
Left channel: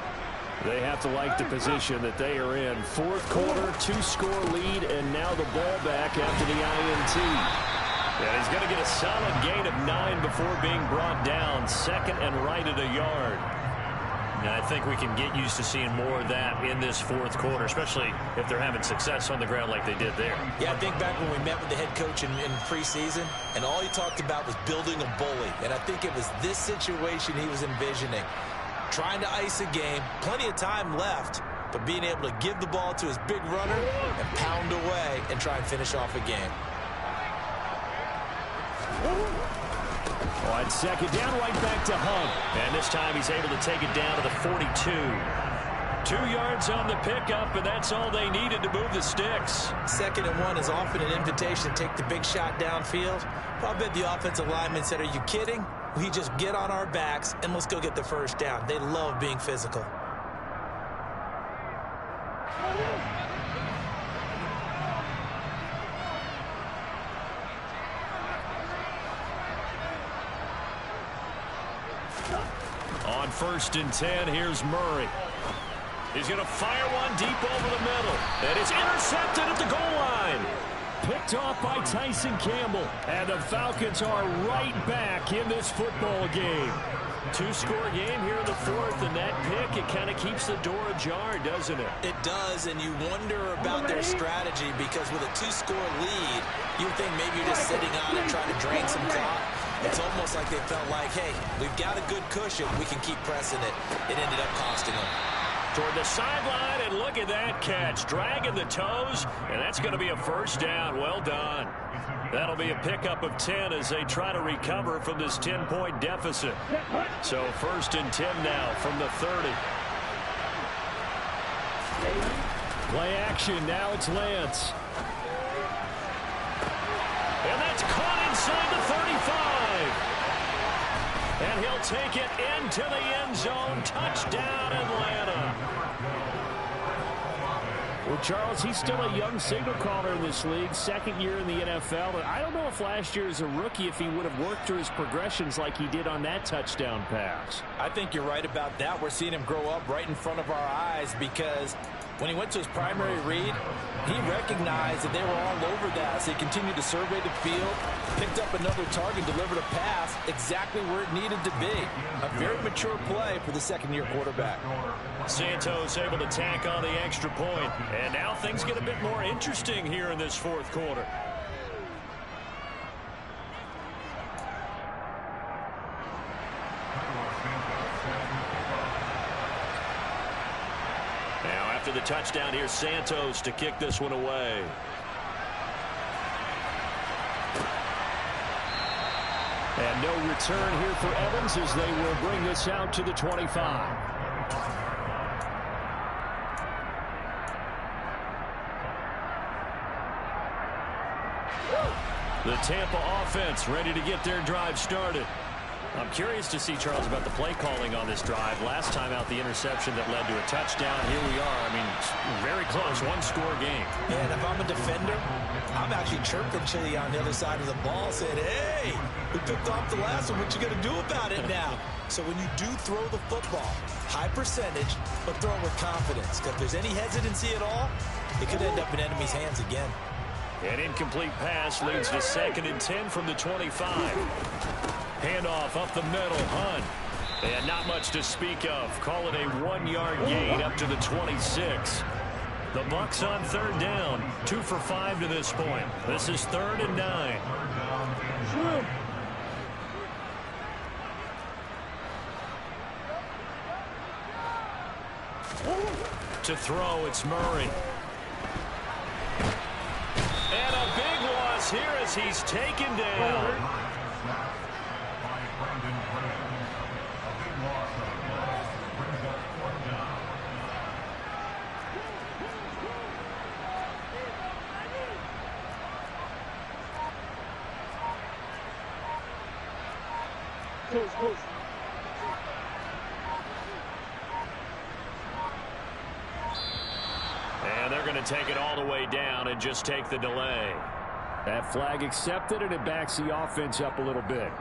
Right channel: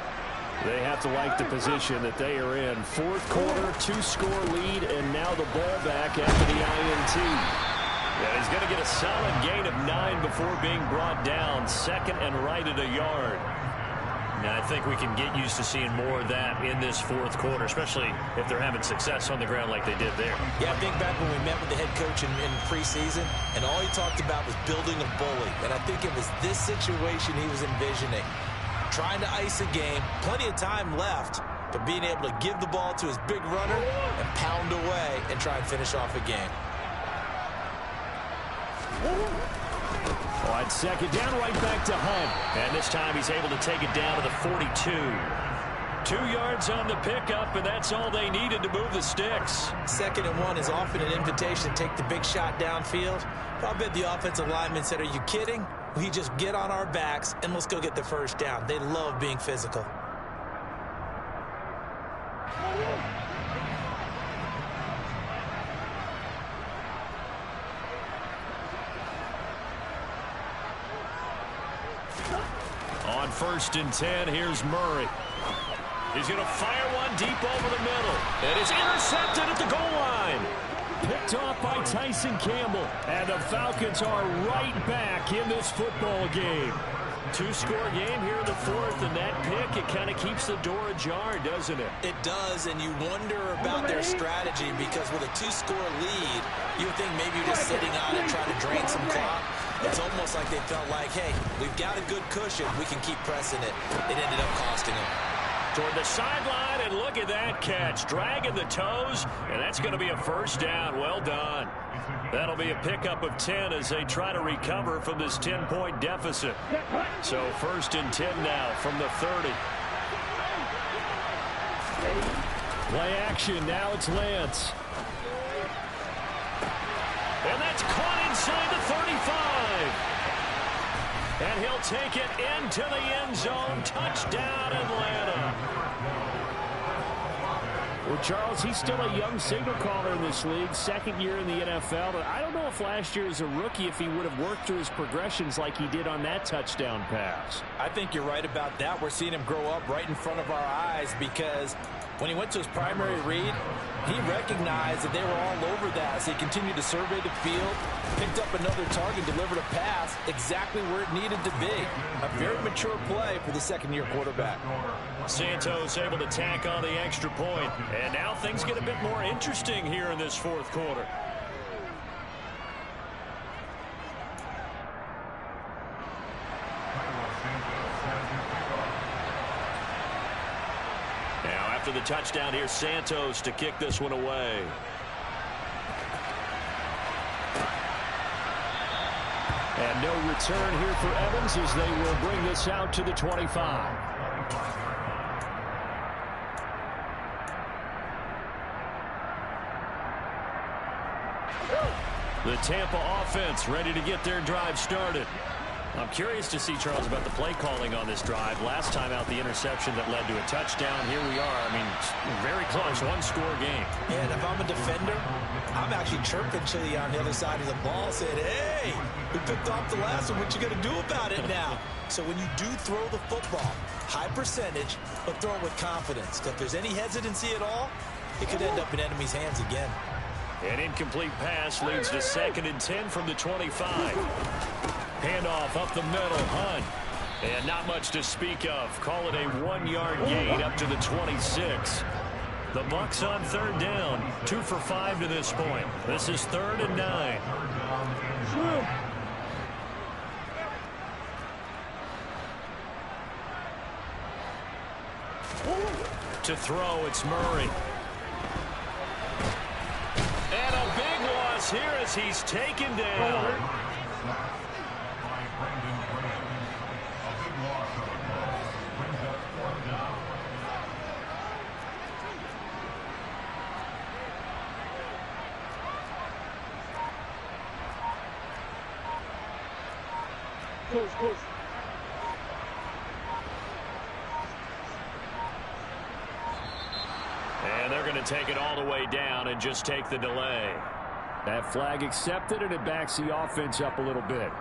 They have to like the position that they are in. Fourth quarter, 2-score lead, and now the ball back after the INT. And he's going to get a solid gain of 9 before being brought down. Second and right at a yard. And I think we can get used to seeing more of that in this fourth quarter, especially if they're having success on the ground like they did there. Yeah, I think back when we met with the head coach in preseason, and all he talked about was building a bully. And I think it was this situation he was envisioning. Trying to ice a game, plenty of time left, but being able to give the ball to his big runner and pound away and try and finish off a game. On second down, right back to Hunt. And this time he's able to take it down to the 42. 2 yards on the pickup, and that's all they needed to move the sticks. 2nd and 1 is often an invitation to take the big shot downfield. Well, I bet the offensive lineman said, are you kidding? We just get on our backs and let's go get the first down. They love being physical. On 1st and 10, here's Murray. He's going to fire one deep over the middle. And it's intercepted at the goal line. Picked off by Tyson Campbell. And the Falcons are right back in this football game. 2-score game here in the fourth, and that pick, it kind of keeps the door ajar, doesn't it? It does, and you wonder about their strategy because with a 2-score lead, you would think maybe you're just sitting on it trying to drain some clock. It's almost like they felt like, hey, we've got a good cushion. We can keep pressing it. It ended up costing them. Toward the sideline, and look at that catch. Dragging the toes, and that's going to be a first down. Well done. That'll be a pickup of 10 as they try to recover from this 10-point deficit. So 1st and 10 now from the 30. Play action. Now it's Lance. And that's caught inside the 35. And he'll take it into the end zone. Touchdown, Atlanta. Well, Charles, he's still a young signal caller in this league, 2nd year in the NFL. But I don't know if last year as a rookie, if he would have worked through his progressions like he did on that touchdown pass. I think you're right about that. We're seeing him grow up right in front of our eyes because when he went to his primary read, he recognized that they were all over that. So he continued to survey the field, picked up another target, delivered a pass exactly where it needed to be. A very mature play for the 2nd-year quarterback. Santos able to tack on the extra point. And now things get a bit more interesting here in this fourth quarter. Now after the touchdown, here's Santos to kick this one away. And no return here for Evans as they will bring this out to the 25. The Tampa offense ready to get their drive started. I'm curious to see, Charles, about the play calling on this drive. Last time out, the interception that led to a touchdown. Here we are. I mean, very close, one-score game. Yeah, and if I'm a defender, I'm actually chirping Chili on the other side of the ball, saying, hey, we picked off the last one. What you going to do about it now? So when you do throw the football, high percentage, but throw it with confidence. If there's any hesitancy at all, it could end up in enemy's hands again. An incomplete pass leads to 2nd and 10 from the 25. Handoff up the middle, Hunt. And not much to speak of. Call it a 1-yard gain up to the 26. The Bucs on 3rd down. 2 for 5 to this point. This is 3rd and 9. To throw, it's Murray. And a big loss here as he's taken down. Coach. And they're going to take it all the way down and just take the delay. That flag accepted, and it backs the offense up a little bit.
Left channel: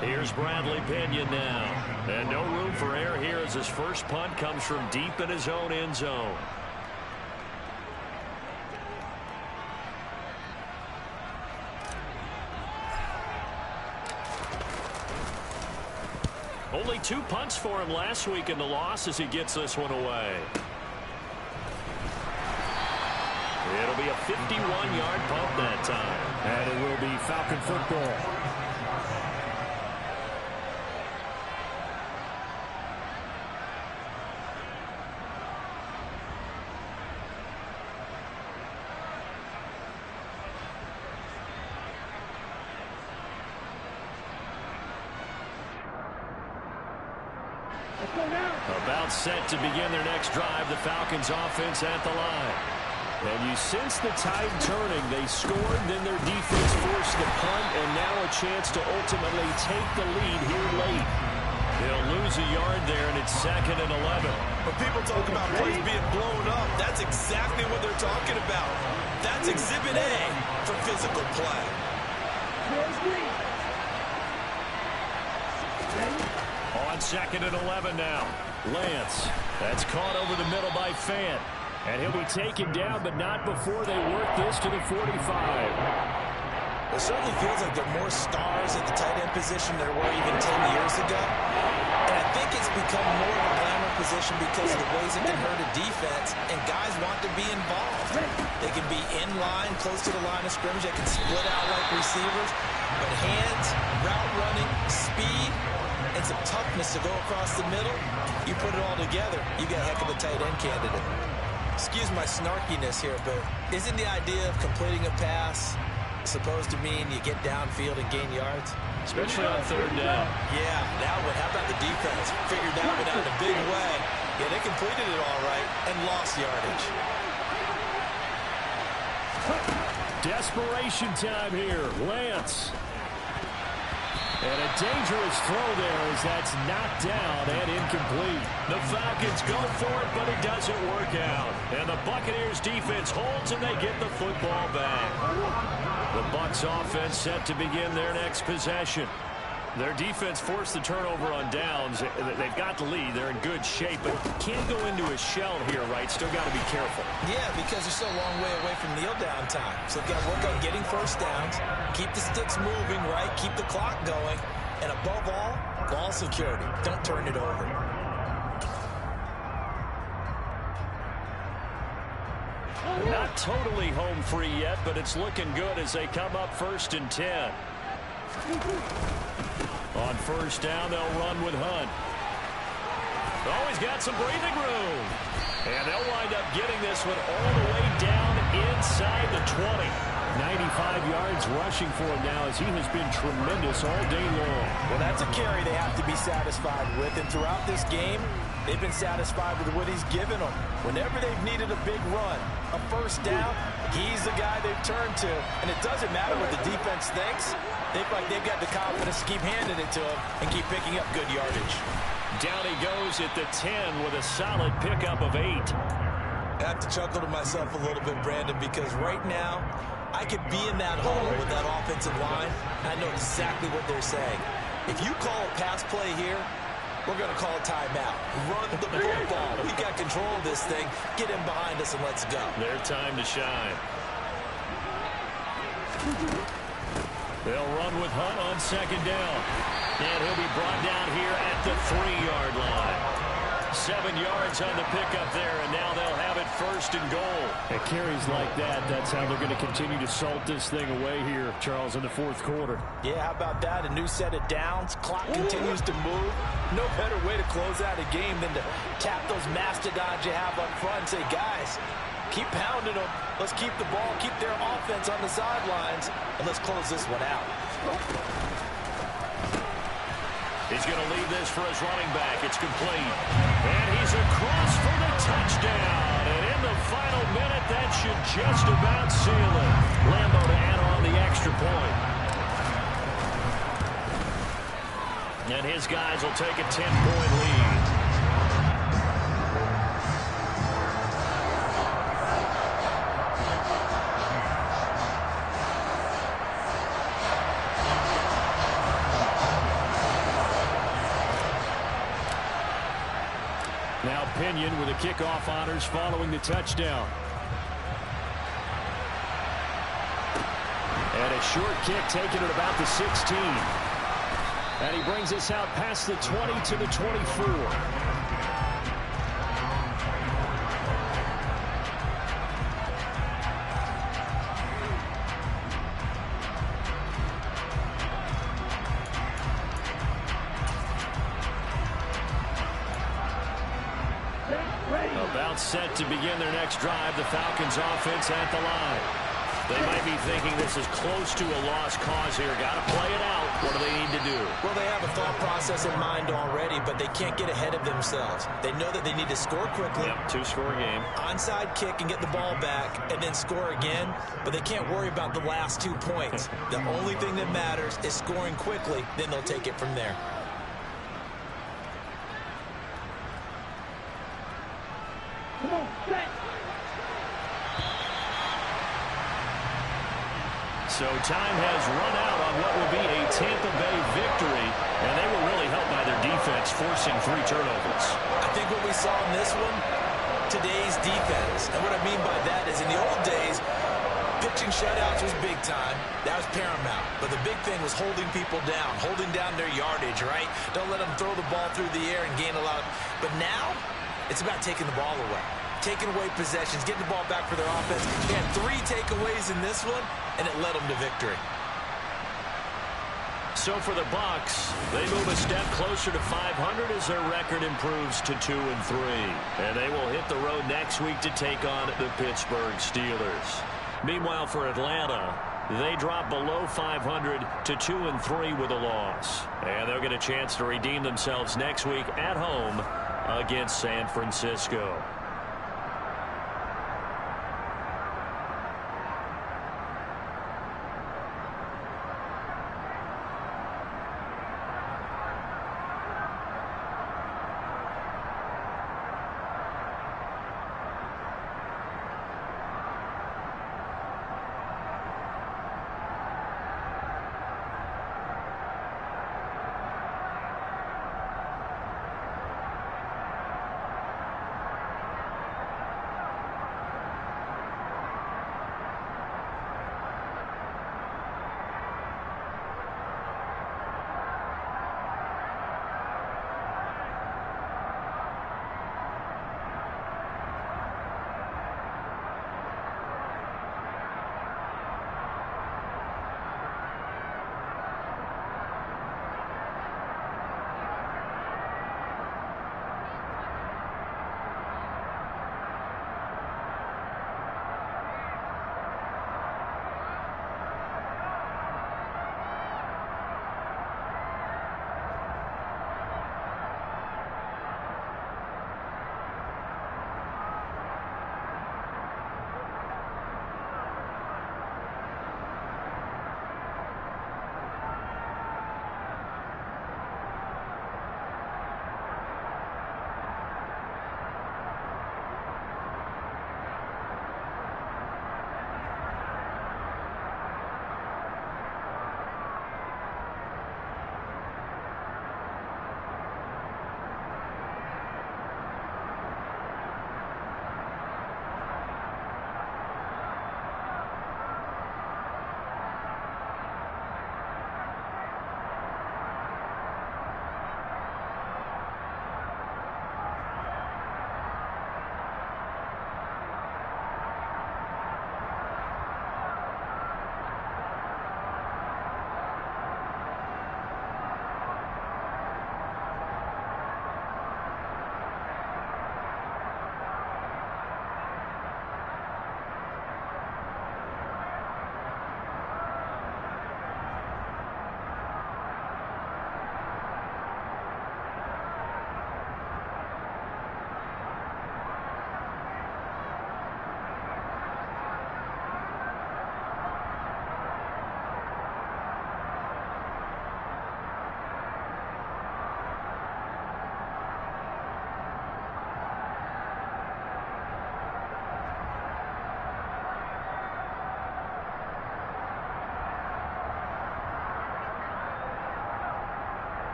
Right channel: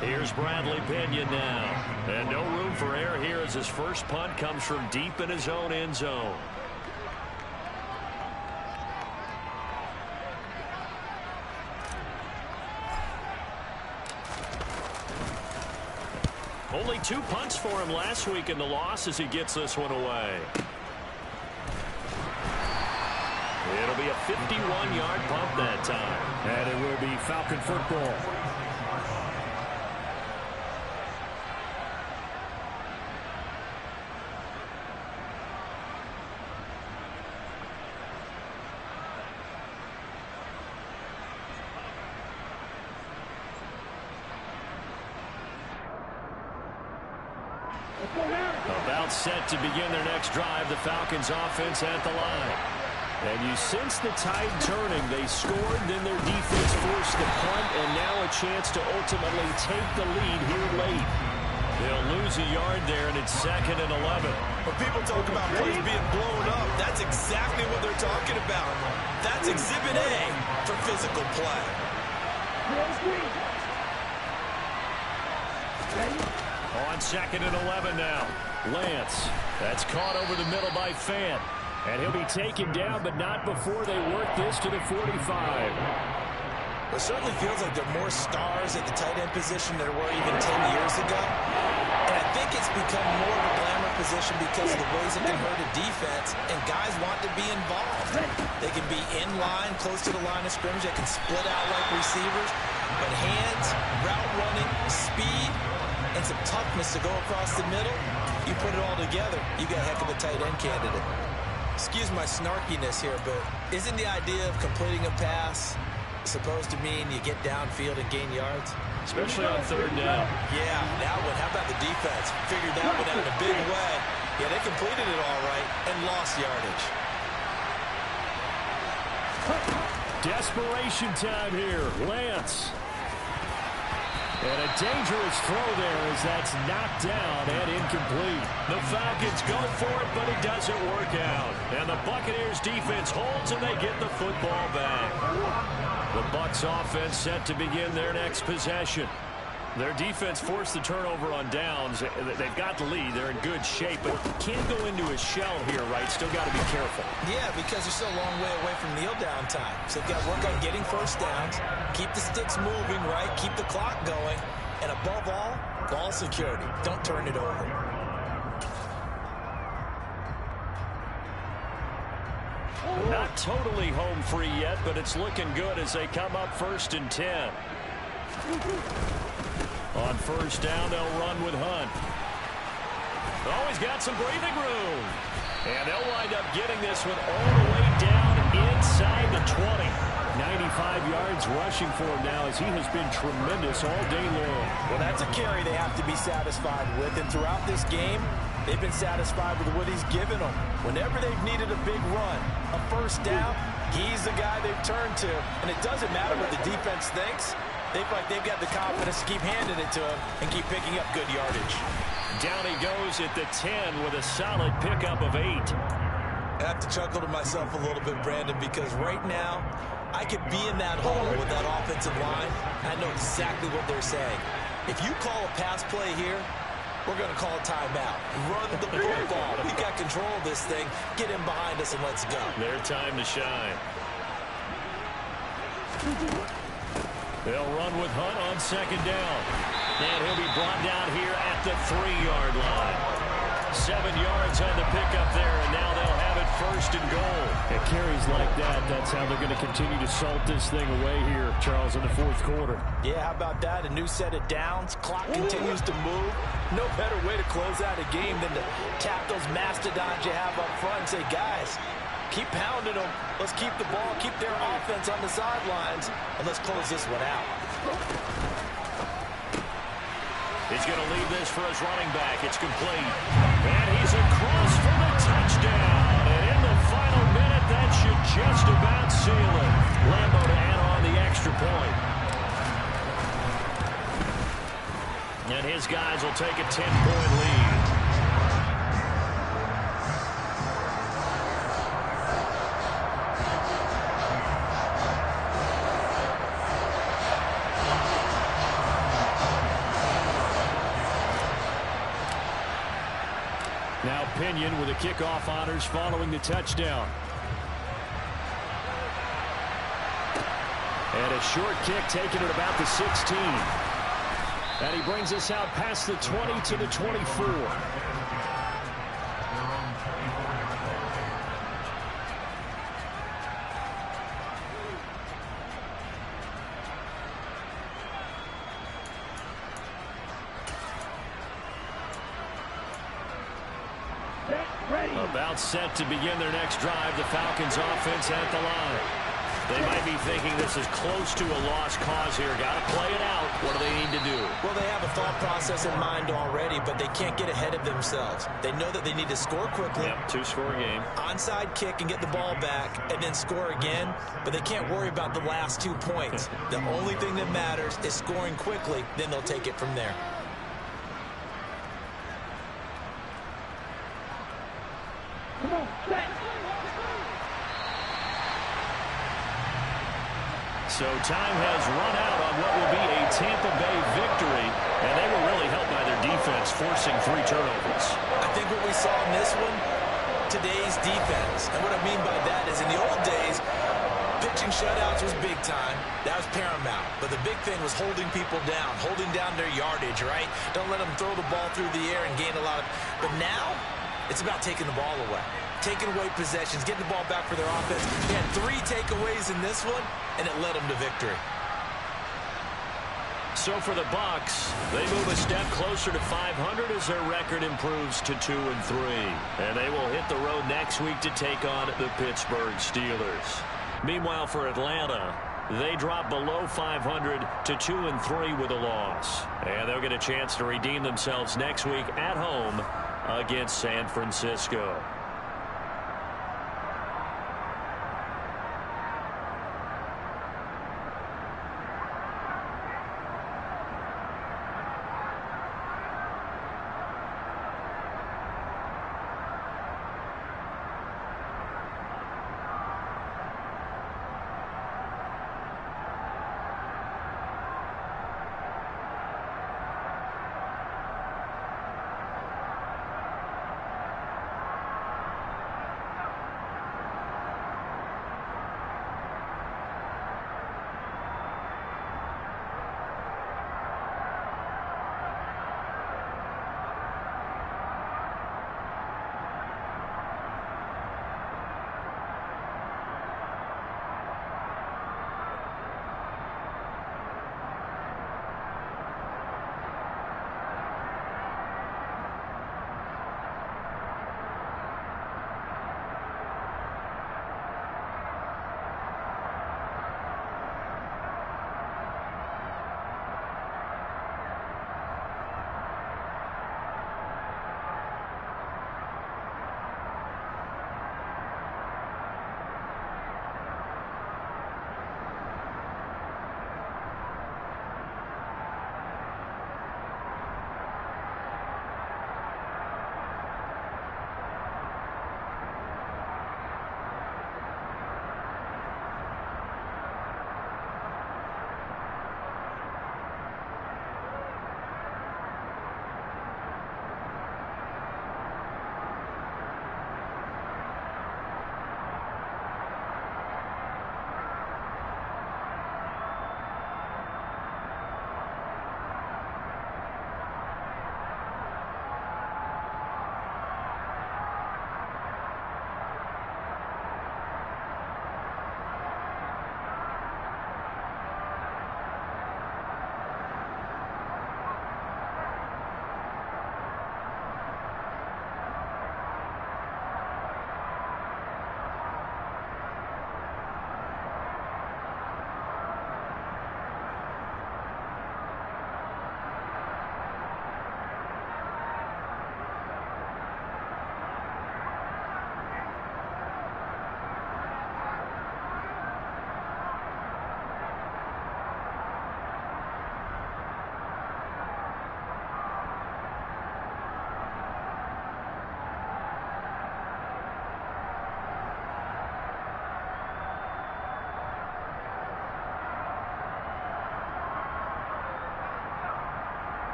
Here's Bradley Pinion now. And no room for error here as his first punt comes from deep in his own end zone. Only 2 punts for him last week in the loss as he gets this one away. It'll be a 51-yard punt that time. And it will be Falcon football. About set to begin their next drive, the Falcons offense at the line. And you sense the tide turning. They scored, then their defense forced the punt, and now a chance to ultimately take the lead here late. They'll lose a yard there, and it's 2nd and 11. When people talk about plays being blown up, that's exactly what they're talking about. That's Exhibit A for physical play. On 2nd and 11 now. Lance. That's caught over the middle by Fant. And he'll be taken down, but not before they work this to the 45. It certainly feels like there are more stars at the tight end position than there were even 10 years ago. And I think it's become more of a glamour position because of the ways it can hurt a defense, and guys want to be involved. They can be in line, close to the line of scrimmage. They can split out like receivers. But hands, route running, speed, and some toughness to go across the middle, you put it all together, you got a heck of a tight end candidate. Excuse my snarkiness here, but isn't the idea of completing a pass supposed to mean you get downfield and gain yards? Especially on 3rd down. Yeah, that one. How about the defense? Figured that one out in a big way. Yeah, they completed it all right and lost yardage. Desperation time here. Lance. And a dangerous throw there as that's knocked down and incomplete. The Falcons go for it, but it doesn't work out. And the Buccaneers defense holds, and they get the football back. The Bucs offense set to begin their next possession. Their defense forced the turnover on downs. They've got the lead. They're in good shape, but can't go into a shell here, right? Still got to be careful. Yeah, because they're still a long way away from kneel down time. So they've got to work on getting first downs, keep the sticks moving, right? Keep the clock going. And above all, ball security. Don't turn it over. Not totally home free yet, but it's looking good as they come up 1st and 10. On 1st down, they'll run with Hunt. Oh, he's got some breathing room. And they'll wind up getting this one all the way down inside the 20. 95 yards rushing for him now as he has been tremendous all day long. Well, that's a carry they have to be satisfied with. And throughout this game, They've been satisfied with what he's given them. Whenever they've needed a big run, a first down, he's the guy they've turned to. And it doesn't matter what the defense thinks. They feel like they've got the confidence to keep handing it to him and keep picking up good yardage. Down he goes at the 10 with a solid pickup of 8. I have to chuckle to myself a little bit, Brandon, because right now I could be in that hole with that offensive line. I know exactly what they're saying. If you call a pass play here, we're going to call a timeout. Run the football. We got control of this thing. Get him behind us and let's go. Their time to shine. They'll run with Hunt on second down. And he'll be brought down here at the 3-yard line. 7 yards on the pickup there, and now they'll have it first and goal. At carries like that, that's how they're going to continue to salt this thing away here, Charles, in the fourth quarter. Yeah, how about that? A new set of downs. Clock continues to move. No better way to close out a game than to tap those mastodons you have up front and say, guys, keep pounding them. Let's keep the ball, keep their offense on the sidelines, and let's close this one out. He's going to leave this for his running back. It's complete. And he's across for the touchdown. And in the final minute, that should just about seal it. Lambo to add on the extra point. And his guys will take a 10-point lead. Now Pinion with the kickoff honors following the touchdown. And a short kick taken at about the 16. And he brings us out past the 20 to the 24. About set to begin their next drive. The Falcons offense at the line. They might be thinking this is close to a lost cause here. Got to play it out. What do they need to do? Well, they have a thought process in mind already, but they can't get ahead of themselves. They know that they need to score quickly. Yep, 2-score game. Onside kick and get the ball back and then score again, but they can't worry about the last 2 points. The only thing that matters is scoring quickly, then they'll take it from there. So time has run out on what will be a Tampa Bay victory, and they were really helped by their defense, forcing 3 turnovers. I think what we saw in this one, today's defense, and what I mean by that is in the old days, pitching shutouts was big time. That was paramount. But the big thing was holding people down, holding down their yardage, right? Don't let them throw the ball through the air and gain a lot. But now, it's about taking the ball away. Taking away possessions, getting the ball back for their offense. They had 3 takeaways in this one, and it led them to victory. So for the Bucs, they move a step closer to 500 as their record improves to 2-3. And they will hit the road next week to take on the Pittsburgh Steelers. Meanwhile, for Atlanta, they drop below 500 to 2-3 with a loss. And they'll get a chance to redeem themselves next week at home against San Francisco.